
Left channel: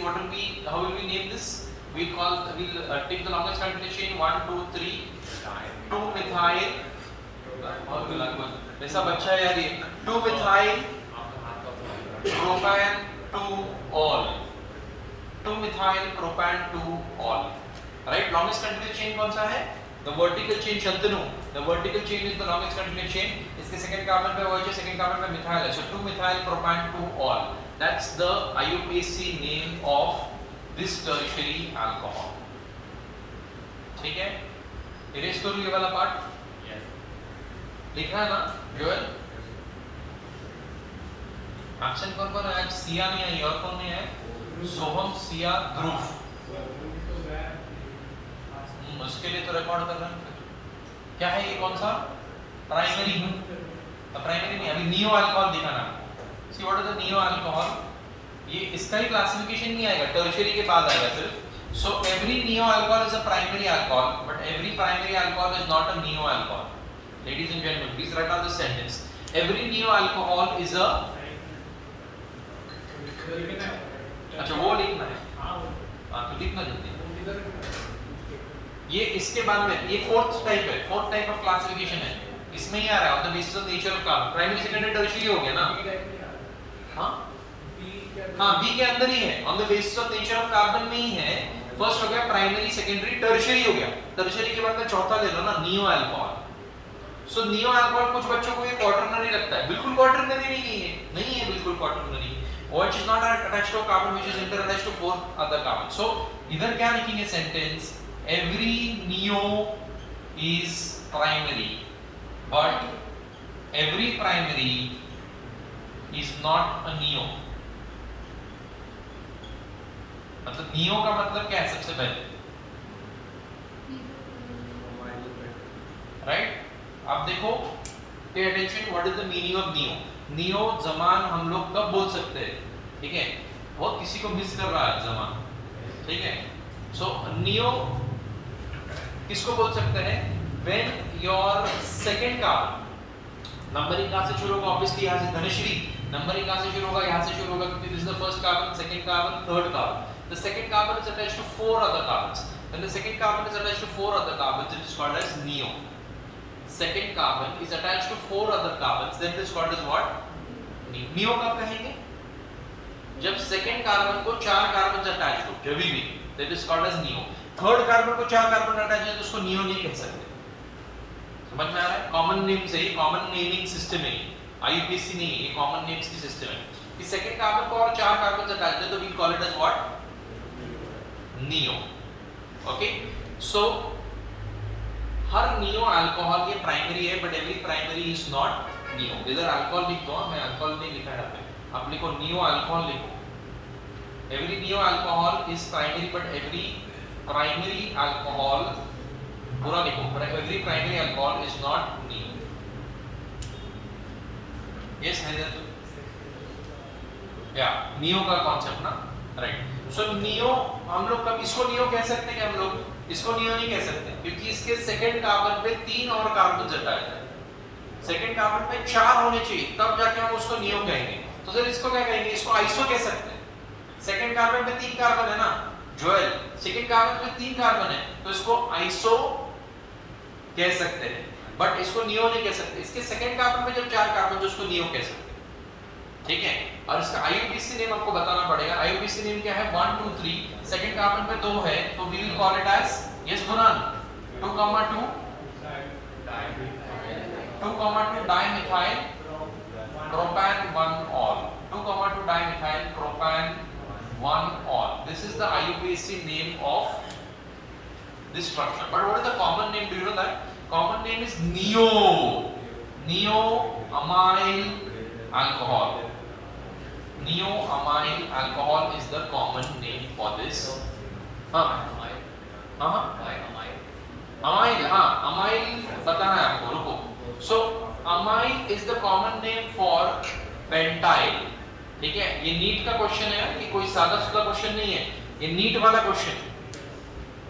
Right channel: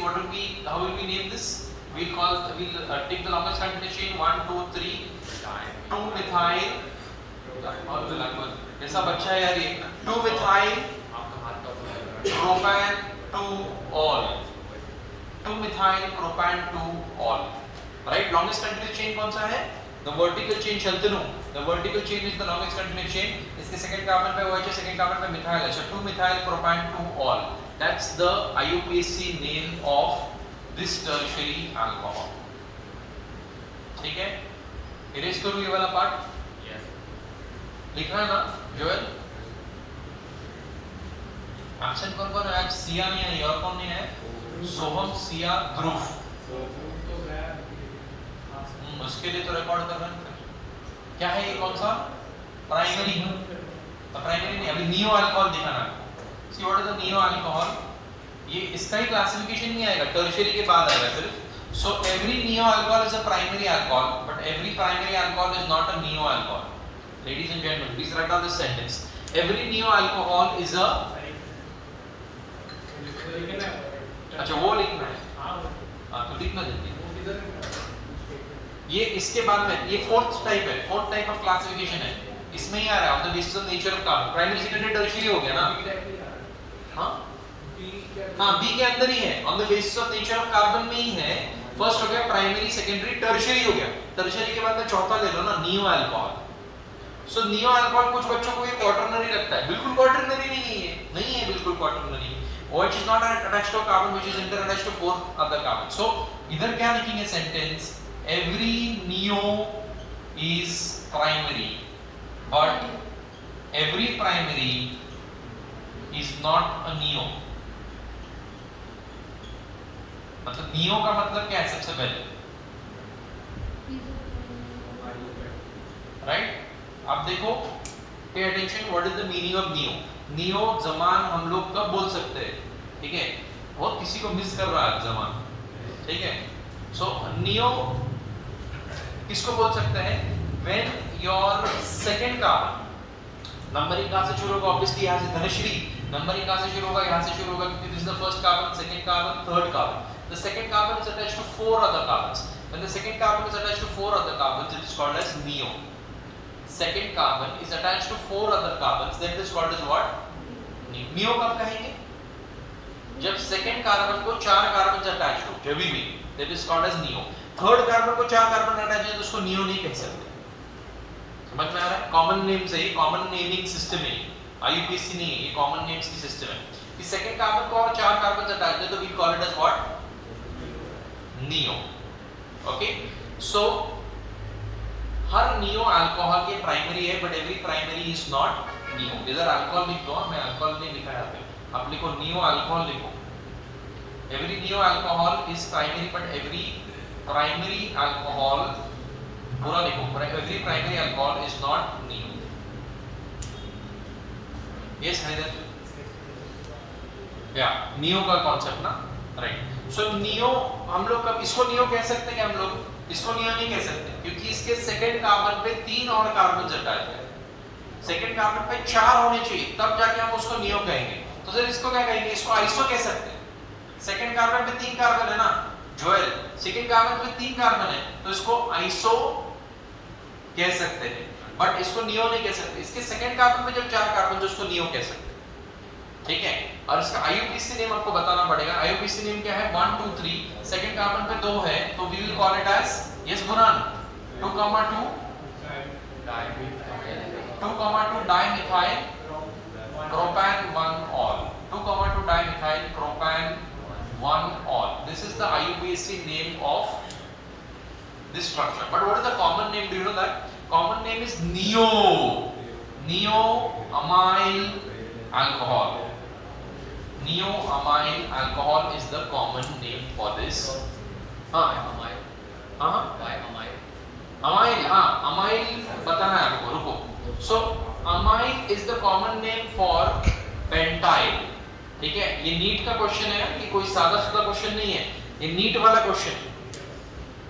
what will be, how will we name this? We'll take the longest continuous chain 1 2 3 2 methyl और ऐसा बच्चा है यार ये 2 methyl propan-2-ol, 2 methyl propan-2-ol, right? longest continuous chain कौन सा है? The vertical chain. Shantanu, the vertical chain is the longest continuous chain. इसके second carbon पे OH है, second carbon पे methyl है. So 2 methyl propan-2-ol. That's the IUPAC name of this tertiary alcohol. ठीक है? Erase करूँ ये वाला part? Yes. लिखना है ना, जोएल? Absent कौन है आज? सिया नहीं है, और कौन नहीं है? सोहम, सिया, ध्रुव. उसके लिए तो रिकॉर्ड कर रहे हैं. क्या है ये, कौन सा? प्राइमरी. प्राइमरी नहीं, अभी नियो अल्कोहल दिखाना. See what is the neo alcohol? ये इसका ही क्लासिफिकेशन नहीं आएगा, टर्शियरी के बाद आएगा सिर्फ. So every neo alcohol is a primary alcohol, but every primary alcohol is not a neo alcohol. Ladies and gentleman, please write down this sentence. Every neo alcohol is a, अच्छा वो लिखना है. हां तो लिखना जल्दी. ये इसके बाद में ये फोर्थ टाइप है, फोर्थ टाइप ऑफ क्लासिफिकेशन है. इसमें ही आ रहा है on the basis of nature of carbon. Primary, secondary, tertiary हो गया ना. हां बी के अंदर ही है, on the basis of nature of carbon में ही है. फर्स्ट हो गया प्राइमरी, सेकेंडरी, टर्शियरी हो गया. टर्शियरी के बाद में चौथा ले लो ना, नियो अल्कोहल. सो नियो अल्कोहल कुछ बच्चों को ये क्वाटरनरी लगता है. बिल्कुल क्वाटरनरी नहीं है, बिल्कुल quaternary. OH is not attached to a carbon which is interattached to 4 other carbons. So इधर क्या लिखेंगे sentence? Every neo is primary, but every primary is not a neo. मतलब नियो का मतलब क्या है सबसे पहले? राइट? अब देखो, pay attention, what is the meaning of neo? Neo Zaman हम लोग कब बोल सकते हैं? ठीक है, वो किसी को मिस कर रहा है जमान. ठीक है, सो नियो किसको बोल सकते हैं? When your second carbon, numbering कहां से शुरू होगा? ऑब्वियसली यहां से धनश्री. नंबरिंग कहां से शुरू होगा? यहां से शुरू होगा क्योंकि this is the first carbon, second carbon, third carbon. The second carbon is attached to 4 other carbons. When the second carbon is attached to 4 other carbons, it is called as neo. Second carbon is attached to 4 other carbons, then it is called as what? Neo कब कहेंगे? जब second carbon को 4 carbons attached हो, जब भी, that is called as neo. Third carbon को 4 carbon attached है तो उसको neo नहीं कह सकते. समझ में आ रहा है? Common name से ही, common naming system है, IUPAC नहीं है, ये common names की system है. कि second carbon को और 4 carbons attached है तो we call it as what? Neo. Okay? So her neo alcohol ये प्राइमरी है, but every primary is not neo, इधर अल्कोहल लिख दो, मैं अल्कोहल नहीं लिखा है यहाँ पे, आप लिखो नियो अल्कोहल लिखो। Every neo alcohol is primary, but every primary alcohol, पूरा लिखो, every primary alcohol is not neo. Yes Haider, या नियो का कॉन्सेप्ट ना, राइट। सो नियो हम लोग कब इसको नियो कह सकते हैं? हम लोग इसको नियो नहीं कह सकते, क्योंकि इसके सेकंड कार्बन पे 3 और कार्बन हटाए थे, सेकंड कार्बन पे 4 होने चाहिए, तब जाके हम उसको नियो कहेंगे। तो फिर इसको क्या कहेंगे? इसको आइसो कह सकते हैं। सेकंड कार्बन पे 3 कार्बन है ना जोएल, सेकंड कार्बन पे 3 कार्बन है, तो इसको आइसो कह सकते हैं, बट इसको नियो नहीं कह सकते। इसके सेकंड कार्बन पे जब 4 कार्बन, तो उसको नियो कह सकते हैं, ठीक है। और इसका आईयूपीएसी नेम आपको बताना पड़ेगा। आईयूपीएसी नेम क्या है? 1 2 3, सेकंड कार्बन पे 2 है, तो we will call it as, yes गुनान, 2,2 dimethyl propan 1 ol, 2,2 dimethyl propan 1 ol. This is the IUPAC name of this structure. But what is the common name? Do you know that? Common name is neo, neo-amyl alcohol. Neo-amyl alcohol is the common name for this. Amyl. Amyl बताना है आपको, रुको। So amyl is the common name for pentyl, ठीक है। ये NEET का question है कि कोई सादा सुधा क्वेश्चन नहीं है, ये नीट वाला क्वेश्चन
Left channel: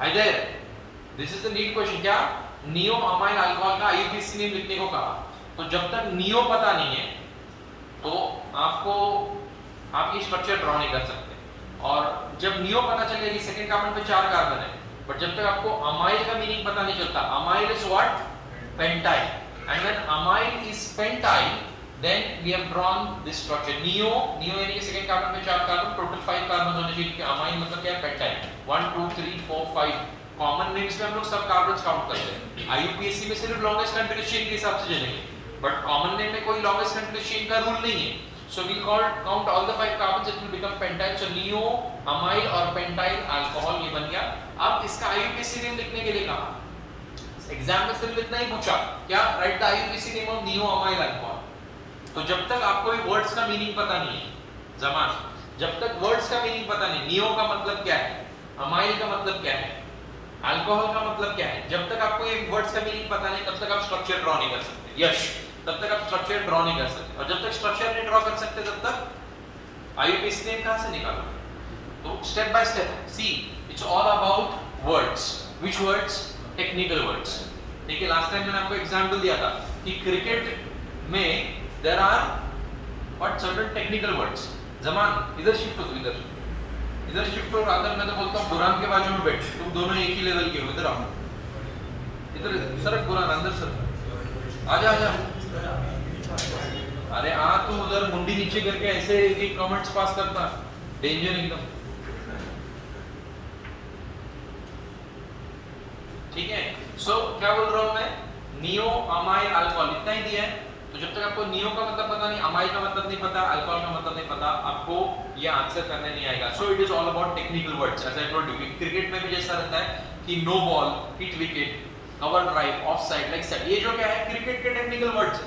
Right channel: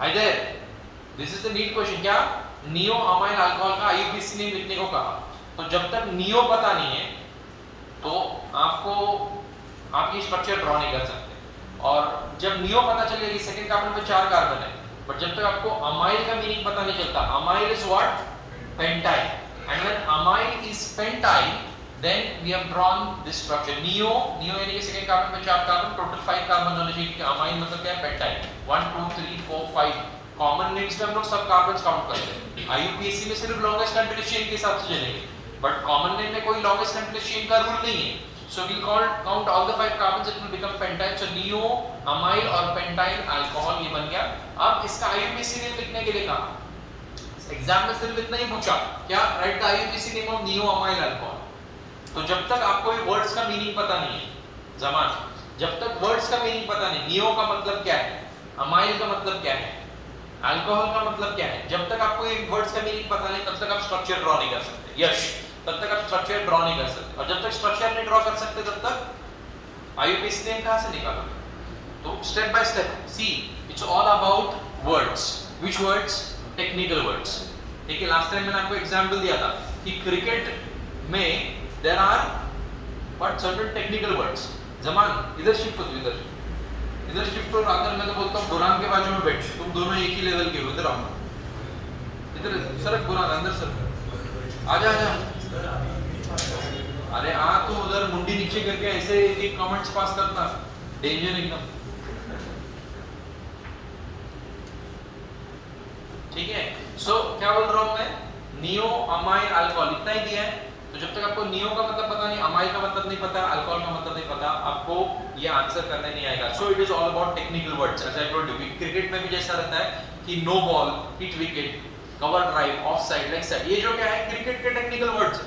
है। This is the NEET question. क्या? नियो अमाइल अल्कोहल का आईयूपीएसी नेम लिखने को कहा। तो जब तक नियो पता नहीं है तो आपको आप ये स्ट्रक्चर ड्रॉ नहीं कर सकते। और जब नियो पता चलेगी, सेकंड कार्बन पे 4 कार्बन है, बट जब तक आपको अमाइल का मीनिंग पता नहीं चलता, amyl is what? Pentyl. And when amyl is pentyl, then we have drawn this structure. Neo यानी कि सेकंड कार्बन पे 4 कार्बन, टोटल 5 कार्बन होने चाहिए, क्योंकि अमाइल मतलब क्या है? पेंटाइल। 1 2 3 4 5 कॉमन नेम्स में हम लोग सब कार्बन्स काउंट करते हैं। आईयूपीएसी में सिर्फ लॉन्गेस्ट कंप्लीट चेन के हिसाब से चलेंगे, बट कॉमन नेम में कोई लॉन्गेस्ट कंप्लीट चेन का रूल नहीं है। So we count all the 5 carbons, it will become pentyl. So neo amyl और pentyl alcohol ये बन गया। अब इसका IUPAC नेम लिखने के लिए कहा, एग्जाम में सिर्फ इतना ही पूछा, क्या? Right the IUPAC name of neo amyl alcohol। तो जब तक आपको ये वर्ड्स का मीनिंग पता नहीं है, जमान, जब तक वर्ड्स का मीनिंग पता नहीं, नियो का मतलब क्या है, अमाइल का मतलब क्या है, अल्कोहल का मतलब क्या है, जब तक आपको ये वर्ड्स का मीनिंग पता नहीं, तब तक आप स्ट्रक्चर ड्रॉ नहीं कर सकते। यस, तब तक आप स्ट्रक्चर ड्रॉ नहीं कर सकते। और जब तक स्ट्रक्चर नहीं ड्रॉ कर सकते, तब तक आईयूपीएसी नेम कहां से निकालोगे? तो step by step see, it's all about words. Which words? Technical words. देखिए लास्ट टाइम मैंने आपको एग्जांपल दिया था कि क्रिकेट में there are what certain technical words. जमान इधर शिफ्ट हो, इधर शिफ्ट हो, अंदर मैं तो बोलता हूं बुरान के बाजू में बैठ, तुम दोनों एक ही लेवल के हो, इधर आओ, इधर सरक बुरान, अंदर सरक, आजा आजा। अरे आ तू उधर मुंडी नीचे करके ऐसे एक कमेंट्स पास करता, डेंजर एकदम, ठीक है। सो क्या बोल रहा हूं मैं? नियो अमाइल अल्कोहल इतना ही दिया है। तो जब तक आपको नियो का मतलब पता नहीं, अमाइल का मतलब नहीं पता, अल्कोहल का मतलब नहीं पता, आपको ये आंसर करने नहीं आएगा। So it is all about technical words. As I told you, cricket में भी जैसा रहता है कि no ball, hit wicket, cover drive, off side, leg side, ये जो क्या है क्रिकेट के टेक्निकल वर्ड्स है।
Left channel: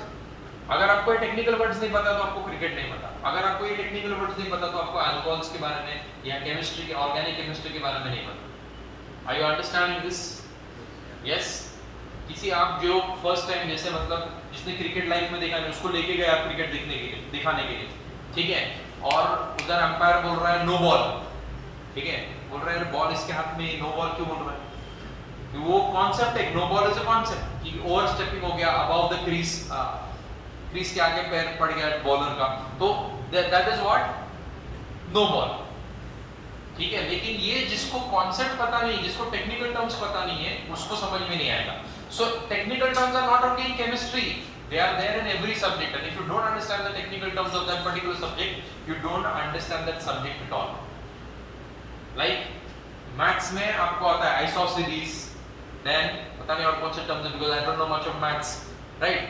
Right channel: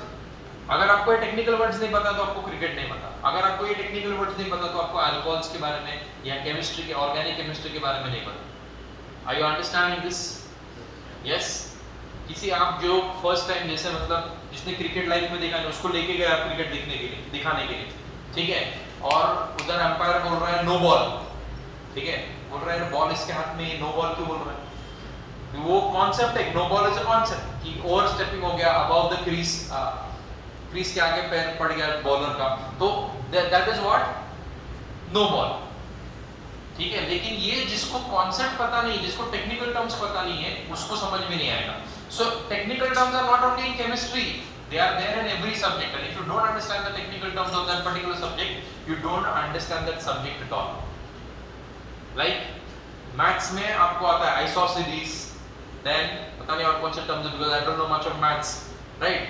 अगर आपको ये टेक्निकल वर्ड्स नहीं पता तो आपको क्रिकेट नहीं पता। अगर आपको ये टेक्निकल वर्ड्स नहीं पता तो आपको अल्कोहल्स के बारे में या केमिस्ट्री के, ऑर्गेनिक केमिस्ट्री के बारे में नहीं पता। Are you understanding this? Yes. किसी आप जो फर्स्ट टाइम जैसे मतलब जिसने क्रिकेट लाइफ में देखा नहीं, उसको लेके गया आप क्रिकेट देखने के लिए, दिखाने के लिए, ठीक है, और उधर अंपायर बोल रहा है नो बॉल, ठीक है, बोल रहा है बॉल इसके हाथ में, नो बॉल क्यों बोल रहा है? वो कॉन्सेप्ट है, no ball is a concept कि ओवर स्टेपिंग हो गया, अबव द क्रीज, क्रीज के आगे पैर पड़ गया बॉलर का, तो that is what? No ball, ठीक है। लेकिन ये जिसको कॉन्सेप्ट पता नहीं, जिसको टेक्निकल टर्म्स पता नहीं है, उसको समझ में नहीं आएगा। So technical terms are not only in chemistry, they are there in every subject, and if you don't understand the technical terms of that particular subject, you don't understand that subject at all. Like maths में आपको आता है isosceles, then पता नहीं और कौन से terms है, because I don't know much of maths, right?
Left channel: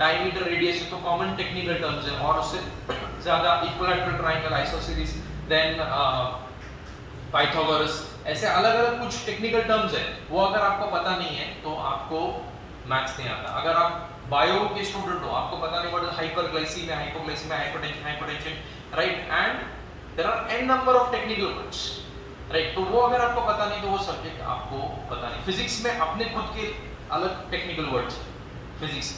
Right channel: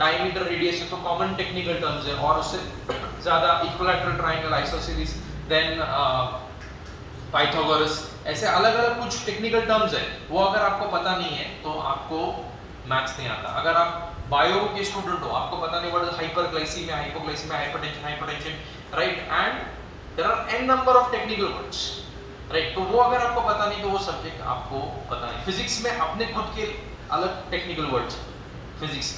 Diameter, radius तो common technical terms है, और उससे ज़्यादा equilateral triangle, isosceles, then Pythagoras, ऐसे अलग अलग कुछ टेक्निकल टर्म्स है, वो अगर आपको पता नहीं है तो आपको मैथ्स नहीं आता। अगर आप बायो के स्टूडेंट हो, आपको पता नहीं what is hyperglycaemia, hypoglycaemia, hypertension, right, and there are n number of technical words, right. तो वो अगर आपको पता नहीं तो वो सब्जेक्ट आपको पता नहीं। फिजिक्स में अपने खुद के अलग टेक्निकल वर्ड्स फिजिक्स,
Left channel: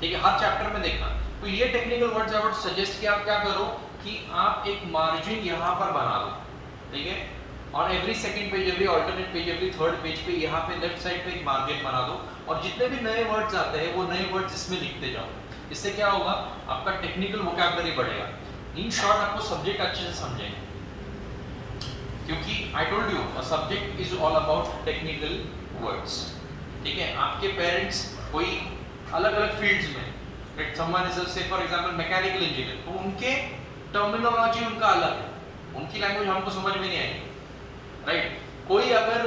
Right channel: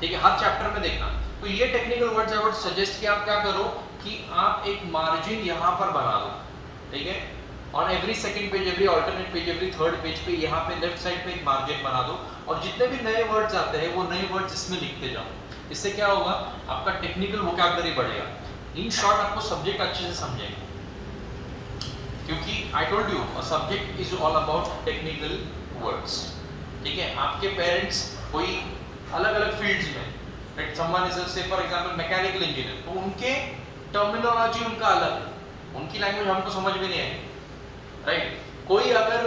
ठीक है, हर चैप्टर में देखना। तो ये technical words I would suggest कि आप क्या करो कि आप एक मार्जिन यहाँ पर बना दो, ठीक है, on every second page, every alternate page, every third page पे यहाँ पे लेफ्ट साइड पे एक मार्जिन बना दो, और जितने भी नए वर्ड्स आते हैं वो नए वर्ड्स इसमें लिखते जाओ। इससे क्या होगा, आपका टेक्निकल वोकैबुलरी बढ़ेगा। इन शॉर्ट आपको सब्जेक्ट अच्छे से समझेंगे, क्योंकि आई told you a subject is all about technical words, ठीक है। आपके पेरेंट्स कोई अलग-अलग फील्ड्स में, राइट, समवन इज से फॉर एग्जांपल मैकेनिकल इंजीनियर, तो उनके टर्मिनोलॉजी उनका अलग है, उनकी लैंग्वेज हमको समझ में नहीं आएगी, राइट। कोई अगर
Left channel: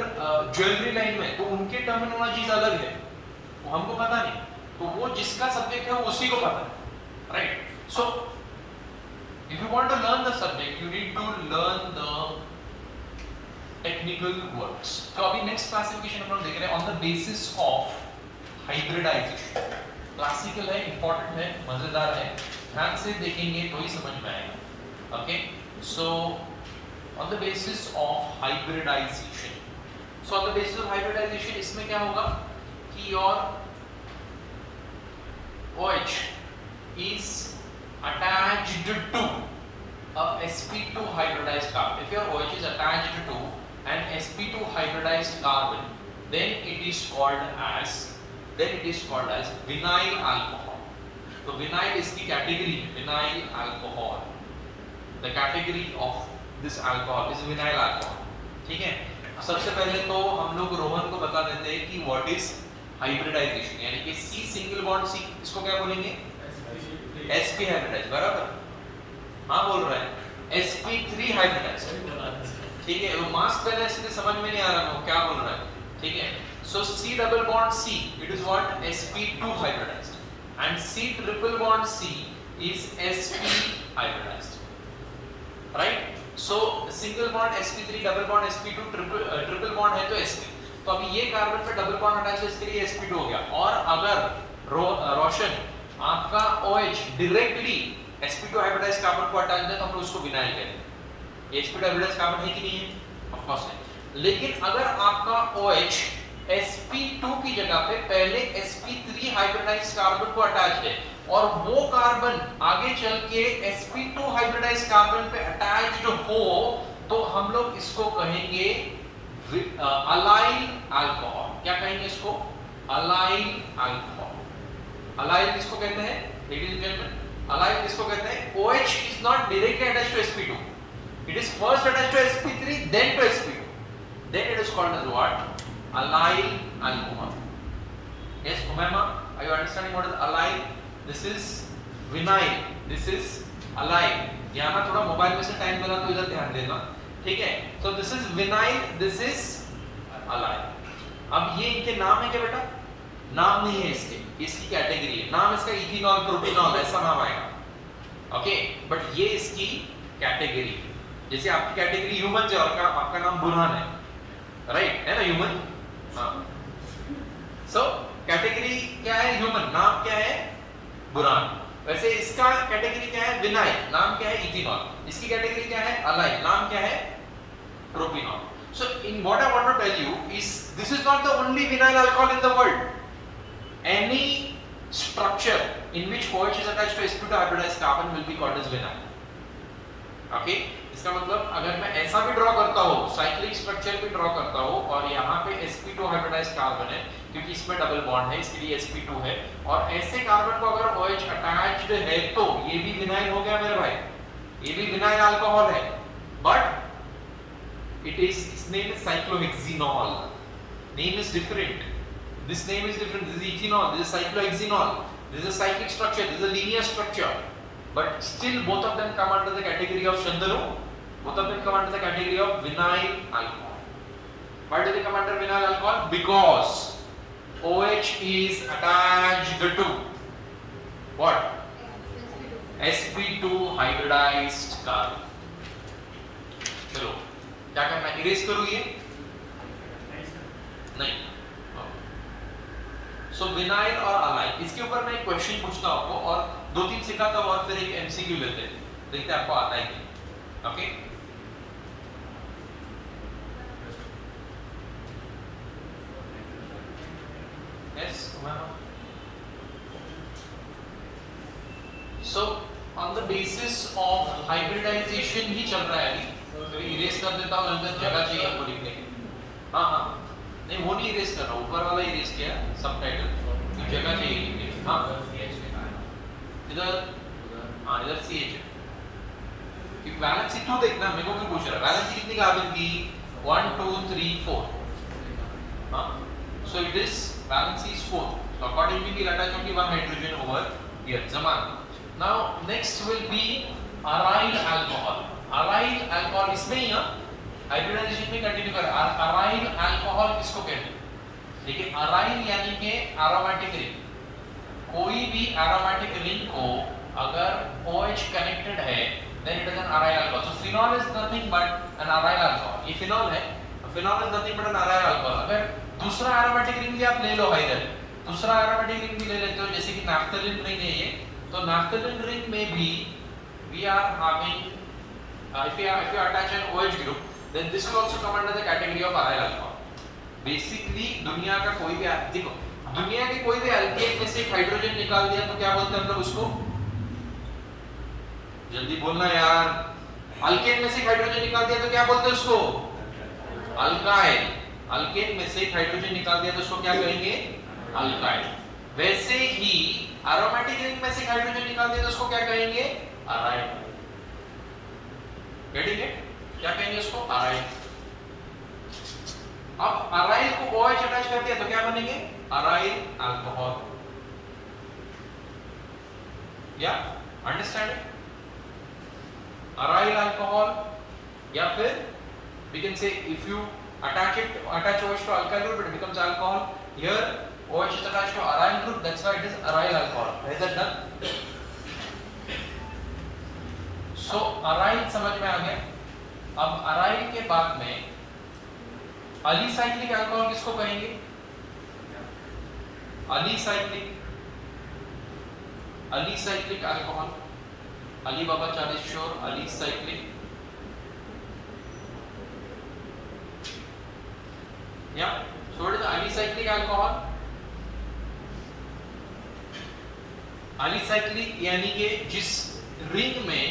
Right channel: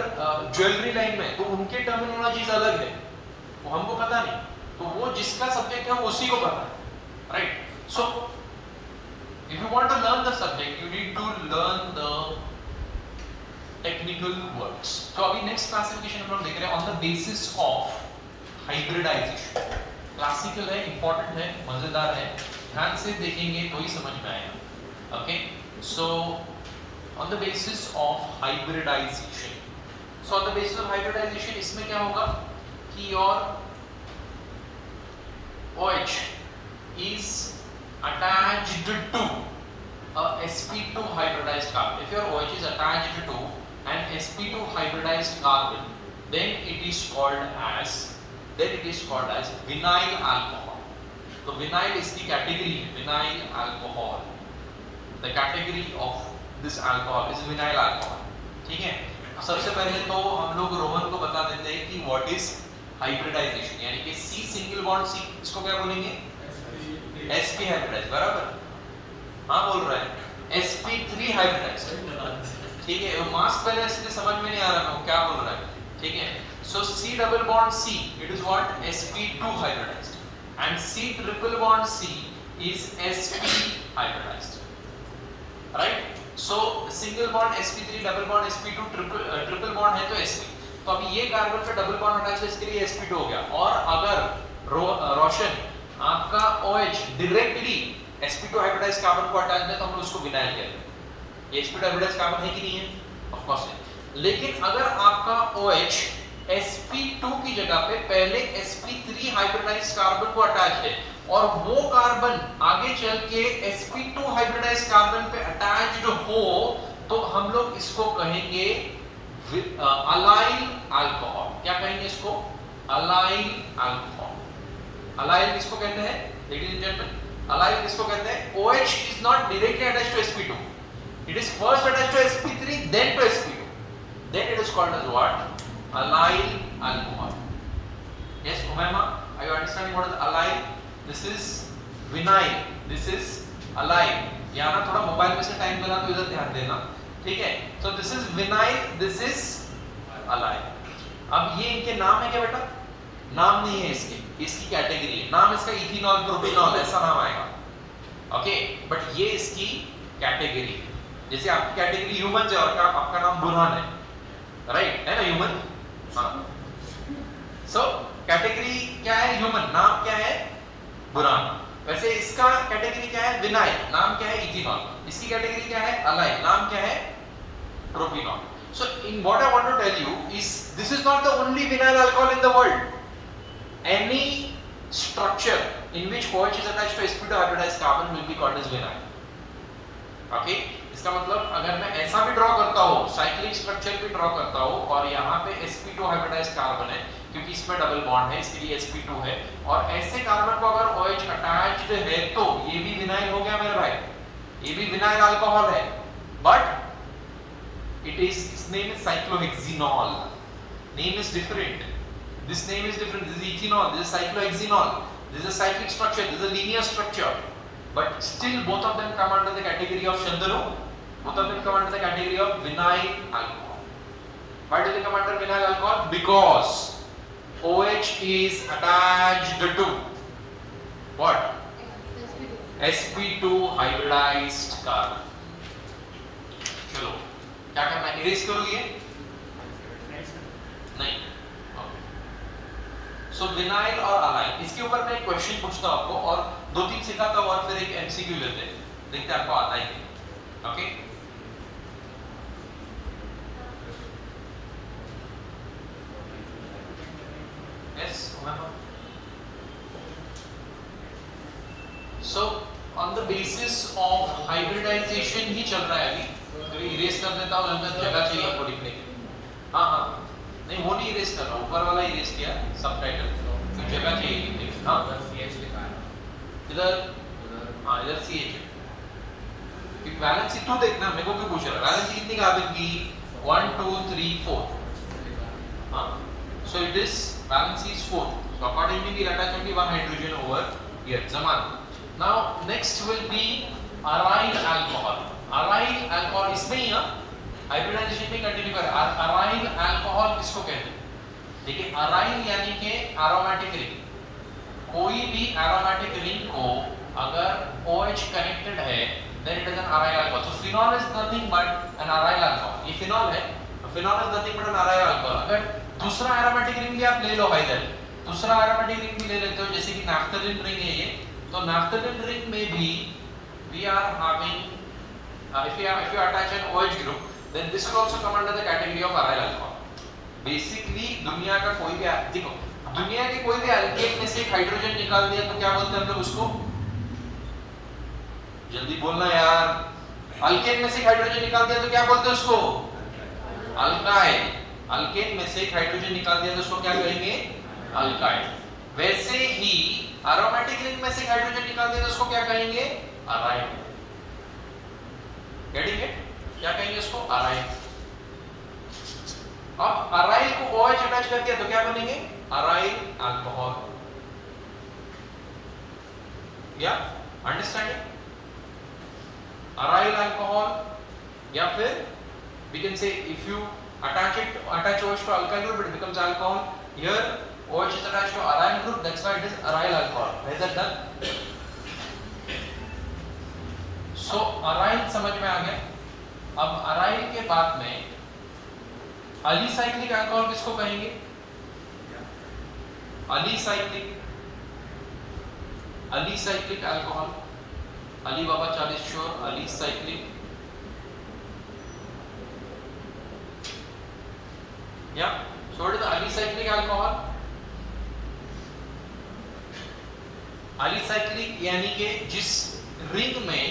ज्वेलरी लाइन में, तो उनके टर्मिनोलॉजीज अलग है, वो हमको पता नहीं, तो वो जिसका सब्जेक्ट है वो उसी को पता है, right. So if you want to learn the subject, you need to learn the technical words. तो अभी नेक्स्ट क्लासिफिकेशन हम लोग देख रहे हैं on the basis of hybridisation. Classical है, इंपॉर्टेंट है, मजेदार है, ध्यान से देखेंगे तो ही समझ में आएगा। Okay, so on the basis of hybridisation, so on the basis of hybridisation इसमें क्या होगा कि your OH is attached to a sp2 hybridized carbon. If your OH is attached to an sp2 hybridized carbon, then it is called as vinyl alcohol. So vinyl is the category, vinyl alcohol. The category of this alcohol is vinyl alcohol. ठीक है, सबसे पहले तो हम लोग रोहन को बता देते हैं कि what is hybridization, यानी कि C सिंगल बॉन्ड C, इसको क्या बोलेंगे, sp हाइब्रिडाइज, बराबर, हाँ बोल रहा है, sp3 हाइब्रिडाइज, ठीक है। वो मास्क पहले इसलिए समझ में नहीं आ रहा है क्या बोल रहा है, ठीक है। So C double bond C, it is what, sp2 hybridised, and C triple bond C is sp hybridised, right. So single bond sp3, double bond sp2, triple bond है तो sp। तो अभी ये कार्बन पे डबल बॉन्ड अटैच है, इसके लिए sp2 हो गया। और अगर रोशन आपका OH directly sp2 hybridised carbon को अटैच है तो हम लोग उसको विनाइल करेंगे। ये sp2 हाइब्रिडाइज्ड कार्बन है कि नहीं है, ऑफ कोर्स है। लेकिन अगर आपका OH sp2 की जगह पे पहले sp3 हाइब्रिडाइज्ड कार्बन को अटैच है और वो कार्बन आगे चल के sp2 हाइब्रिडाइज्ड कार्बन पे अटैच्ड हो, तो हम लोग इसको कहेंगे अलाइल अल्कोहल। क्या कहेंगे इसको, अलाइल अल्कोहल। अलाइल किसको कहते हैं, लेडीज एंड जेंटलमैन, अलाइल किसको कहते हैं, OH is not directly attached to sp2, it is first attached to sp3 then to sp2, then it is called as what, alyl alcohol. Yes, Umayma, are you understanding what is alyl? This is vinyl, this is alyl. यहाँ ना थोड़ा mobile में से time मिला तो इधर ध्यान देना, ठीक है। तो this is vinyl, this is allyl. अब ये इनके नाम है क्या बेटा, नाम नहीं है इसके, इसकी कैटेगरी है, नाम इसका इथेनॉल, प्रोपेनॉल ऐसा नाम आएगा, ओके, बट ये इसकी कैटेगरी। जैसे आपकी कैटेगरी ह्यूमन है और आपका नाम बुरहान है, राइट, है ना, ह्यूमन, हाँ। सो कैटेगरी क्या है, ह्यूमन, नाम क्या है, बुरहान। वैसे इसका कैटेगरी क्या है, विनाइल, नाम क्या है, इथेनॉल। इसकी कैटेगरी क्या है, अलाइल, नाम क्या है, propanol. So in what I want to tell you is this is not the only vinyl alcohol in the world. Any structure in which OH is attached to sp2 hybridized carbon will be called as vinyl. Okay? इसका मतलब अगर मैं ऐसा भी draw करता हूँ, cyclic structure भी draw करता हूँ और यहाँ पे sp2 हाइब्रिडाइज्ड कार्बन है, क्योंकि इसमें डबल बॉन्ड है, इसके लिए sp2 है, और ऐसे कार्बन को अगर OH अटैच्ड है तो ये भी विनाइल हो गया मेरे भाई, ये भी विनाइल अल्कोहल है, but its name is cyclohexenol. Name is different. This name is different. This is ethanol, this is cyclohexenol. This is a cyclic structure, this is a linear structure. But still both of them come under the category of Shandaru. Both of them come under the category of vinyl alcohol. Why do they come under vinyl alcohol? Because OH is attached to what? sp2 hybridized carbon. चलो क्या करना है, erase करो ये नहीं, सो vinyl और align, इसके ऊपर मैं एक क्वेश्चन पूछता हूं आपको और 2-3 सिखाता हूं और फिर एक एमसीक्यू लेते हैं, देखते हैं आपको आता है क्या। Okay, yes, so on the basis of hybridization ही चल रहा है अभी, तो इरेज कर देता हूं, अंदर जगह चाहिए आपको लिखने की। हाँ हाँ, नहीं वो नहीं इरेज कर रहा, ऊपर वाला इरेज किया, सबटाइटल तो जगह चाहिए लिखने की। हाँ इधर, हाँ इधर CH है, वैलेंसी तू देखना, मेरे को क्यों पूछ रहा है, वैलेंसी कितनी कार्बन की, 1 2 3 4, हाँ, so it is valency is 4, so accordingly we'll attach only one hydrogen over here, zaman. Now next will be aryl alcohol. Aryl alcohol इसमें ही है, हाइब्रिडाइजेशन में कंटिन्यू कर, aryl alcohol किसको कहते हैं? देखिए aryl यानी कि aromatic ring, कोई भी aromatic ring को अगर OH connected है then it is an aryl alcohol. So phenol is nothing but an aryl alcohol. ये phenol है, phenol is nothing but an aryl alcohol. अगर दूसरा aromatic ring भी आप ले लो इधर, दूसरा aromatic ring भी ले लेते हो, जैसे कि naphthalene ring है ये, तो naphthalene ring में भी we are having if you attach an OH group then this will also come under the category of aryl alcohol. Basically दुनिया का कोई भी, देखो दुनिया के कोई भी एल्केन में से हाइड्रोजन निकाल दिया तो क्या बोलते हैं हम लोग उसको, जल्दी बोलना यार, अल्केन में से हाइड्रोजन निकाल दिया तो क्या बोलते हैं उसको, अल्काइल। अल्केन में से हाइड्रोजन निकाल दिया तो उसको क्या कहेंगे, अल्काइल। वैसे ही एरोमेटिक रिंग में से हाइड्रोजन निकाल दिया तो उसको क्या कहेंगे, अराइल। ठीक है, क्या कहेंगे उसको, अराइल। अब अराइल को OH अटैच करते हैं तो क्या बनेंगे, अराइल अल्कोहल। या अंडरस्टैंडिंग, aryl alcohol, या फिर we can say if you attach OH to alkyl group it becomes alcohol. Here OH is attached to aryl group, that's why it is aryl alcohol. Is that done? So aryl समझ में आ गया। अब aryl के बाद में अलीसाइक्लिक alcohol किसको कहेंगे, alicyclic alcohol, Ali बाबा 40 sure, अलीसाइक्लिक, या so it is अलीसाइक्लिक अल्कोहल। अलीसाइक्लिक यानी कि जिस रिंग में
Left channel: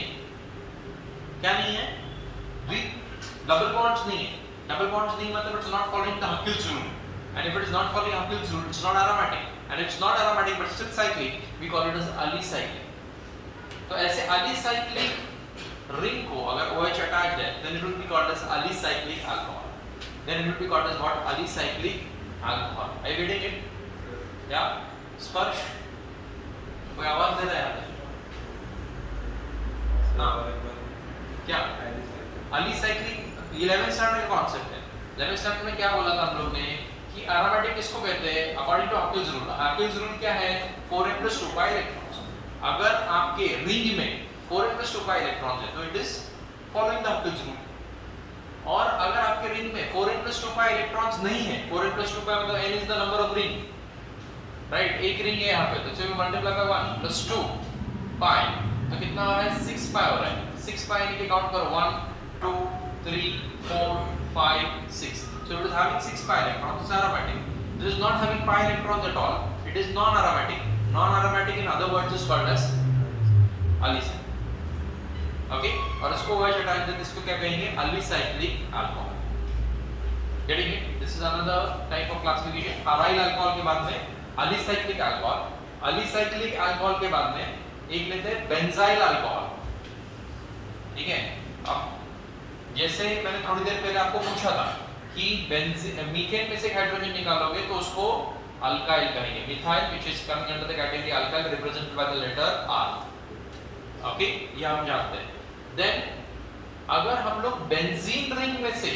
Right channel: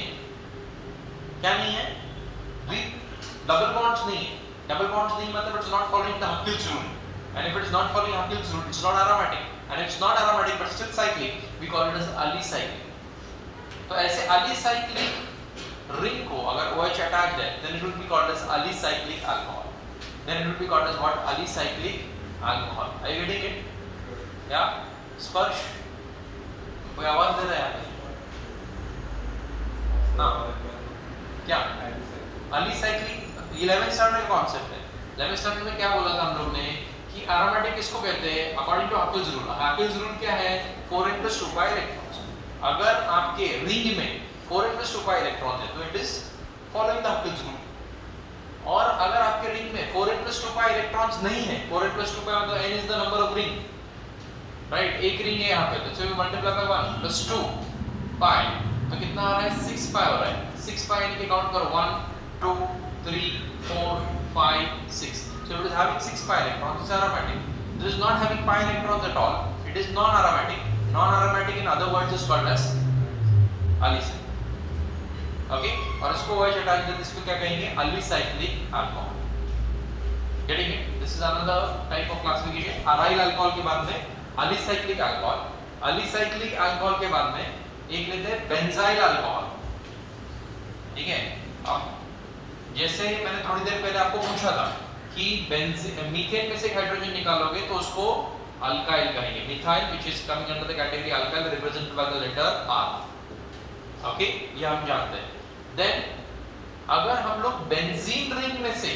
क्या नहीं है, डबल बॉन्ड्स नहीं है, डबल बॉन्ड्स नहीं मतलब it's not following the Huckel's rule, and if it is not following Huckel's rule it's not aromatic, and it's not aromatic but still cyclic, we call it as alicyclic. तो ऐसे alicyclic ring को अगर OH attach है then it will be called as alicyclic alcohol, then it will be called as what, alicyclic alcohol. Are you getting it? या स्पर्श, कोई आवाज दे रहा है ना, क्या अलीसाइक्लिक 11th स्टैंडर्ड का कॉन्सेप्ट है। 11th स्टैंडर्ड में क्या बोला था हम लोग ने कि एरोमेटिक किसको कहते हैं, according to Huckel's rule। Huckel's rule क्या है, 4n+2 का इलेक्ट्रॉन्स। अगर आपके रिंग में 4n+2 का इलेक्ट्रॉन है तो it is following the Huckel's rule, और अगर आपके रिंग में 4n+2 का इलेक्ट्रॉन्स नहीं है, 4n+2 का मतलब n is the number of ring, right, एक रिंग है यहाँ पे, तो so we multiply by 1 plus 2 pi, तो कितना आ रहा है, 6 pi हो रहा है। 6 pi यानी कि काउंट करो 1 2 3 4 5 6, so it is having 6 pi electrons, it's aromatic. It is not having pi electrons at all, it is non-aromatic. Non-aromatic in other words is called as alicyclic. Okay, और इसको OH attach करके इसको क्या कहेंगे, alicyclic alcohol. Getting it? This is another type of classification. Aryl alcohol के बाद में अलीसाइक्लिक alcohol, अलीसाइक्लिक alcohol के बाद में एक लेते हैं बेंजाइल अल्कोहल। ठीक है, अब जैसे मैंने थोड़ी देर पहले आपको पूछा था कि मीथेन में से हाइड्रोजन निकालोगे तो उसको अल्काइल कहेंगे, methyl which is coming under the category alkyl represented by the letter R। Okay, ये हम जानते हैं। देन अगर हम लोग बेंजीन रिंग में से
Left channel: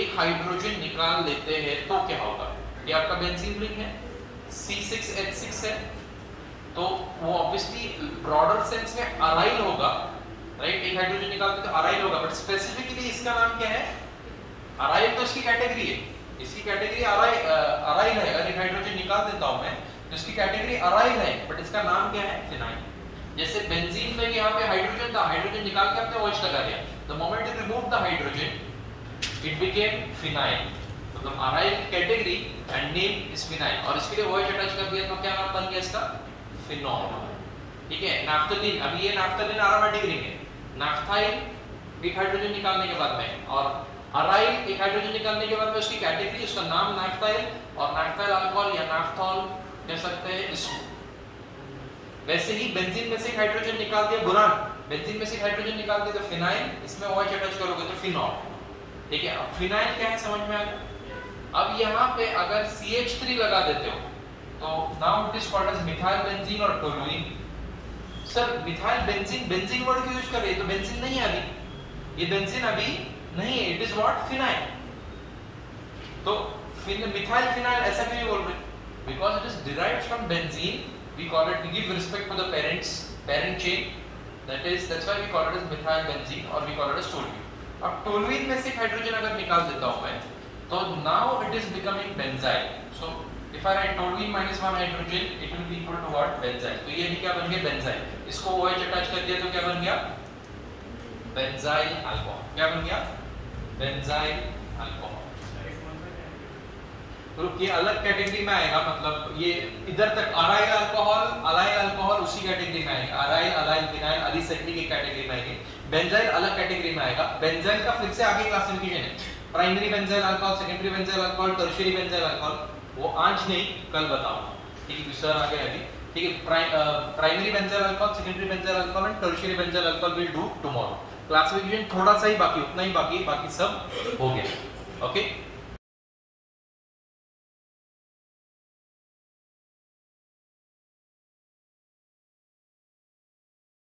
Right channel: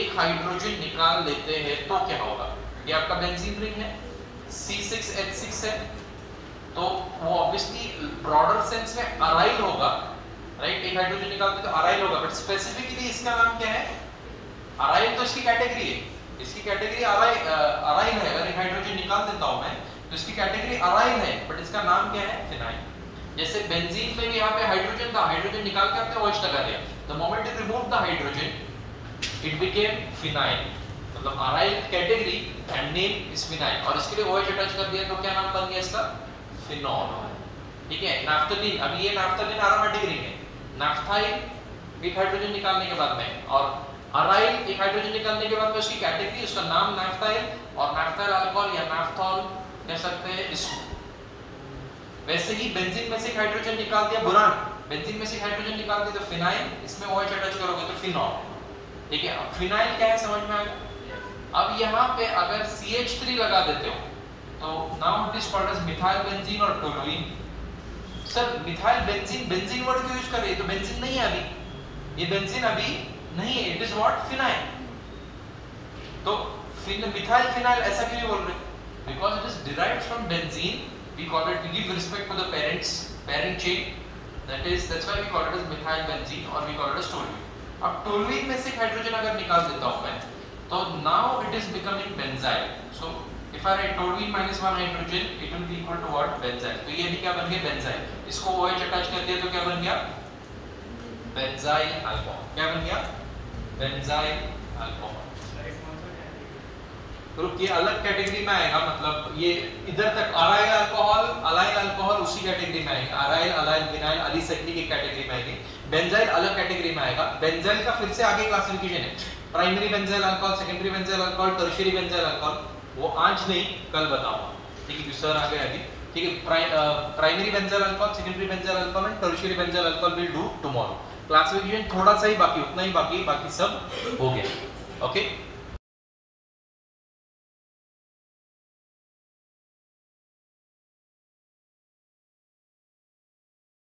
एक हाइड्रोजन निकाल लेते हैं तो क्या होगा, ये आपका बेंजीन रिंग है, C6H6 है, तो वो ऑब्वियसली ब्रॉडर सेंस में अराइल होगा, राइट, एक हाइड्रोजन निकालते तो अराइल होगा, बट स्पेसिफिकली इसका नाम क्या है, अराइल तो इसकी कैटेगरी है, इसकी कैटेगरी अराइल है। अगर एक हाइड्रोजन निकाल देता हूं मैं तो इसकी कैटेगरी अराइल है, बट इसका नाम क्या है? फिनाइल। जैसे बेंजीन में यहाँ पे हाइड्रोजन था, हाइड्रोजन निकाल के आपने OH लगा दिया, the moment you remove the hydrogen it became phenyl, मतलब aryl category and name is phenyl, और इसके लिए OH अटैच कर दिया तो क्या नाम बन गया इसका? फिनॉल। ठीक है। नाफ्थलीन, अभी ये नाफ्थलीन एरोमेटिक रिंग है, नाफ्थाइल एक हाइड्रोजन निकालने के बाद में, और अराइल एक हाइड्रोजन निकालने के बाद में उसकी कैटेगरी, उसका नाम नाफ्थाइल, और नाफ्थाइल अल्कोहल या नाफ्थॉल कह सकते हैं इसको। वैसे ही बेंजीन में से एक हाइड्रोजन निकाल दिया, बोरान, बेंजीन में से एक हाइड्रोजन निकाल दिया तो फिनाइल, इसमें OH अटैच करोगे तो फिनॉल। ठीक है। अब फिनाइल क्या है समझ में आया? अब यहाँ पे अगर CH3 लगा देते हो तो now it is called as methyl benzene और toluene. Sir methyl benzene, benzene word क्यों यूज कर रहे हैं? तो बेंजीन नहीं है अभी, ये बेंजीन अभी नहीं है, इट इज व्हाट? फिनाइल। तो मिथाइल फिनाइल ऐसा क्यों बोल रहे? Because it is derived from benzene, we call it, we give respect to the parent chain, that's why we call it as methyl benzene और we call it as toluene. अब toluene में से एक hydrogen अगर निकाल देता हूं मैं, तो now it is becoming benzyl. So if I write toluene minus 1 hydrogen it will be equal to what? Benzyl. तो ये भी क्या बन गया? बेंजाइल। इसको OH अटैच कर दिया तो क्या बन गया? Benzyl alcohol. क्या बन गया? Benzyl alcohol. तो ये अलग कैटेगरी में आएगा, मतलब ये इधर तक अराइल अल्कोहल उसी कैटेगरी में आएगा, अराइल, अलाइल, विनाइल, अलीसेटिक एक कैटेगरी में आएगी, बेंजाइल अलग कैटेगरी में आएगा। बेंजाइल का फिर से आगे क्लासिफिकेशन है, primary benzyl alcohol, secondary benzyl alcohol, tertiary benzyl alcohol, वो आज नहीं कल बताऊंगा। ठीक है, सर आ गए अभी। ठीक है, primary benzyl alcohol, secondary benzyl alcohol and tertiary benzyl alcohol will do tomorrow. Classification थोड़ा सा ही बाकी, उतना ही बाकी सब हो गया। ओके।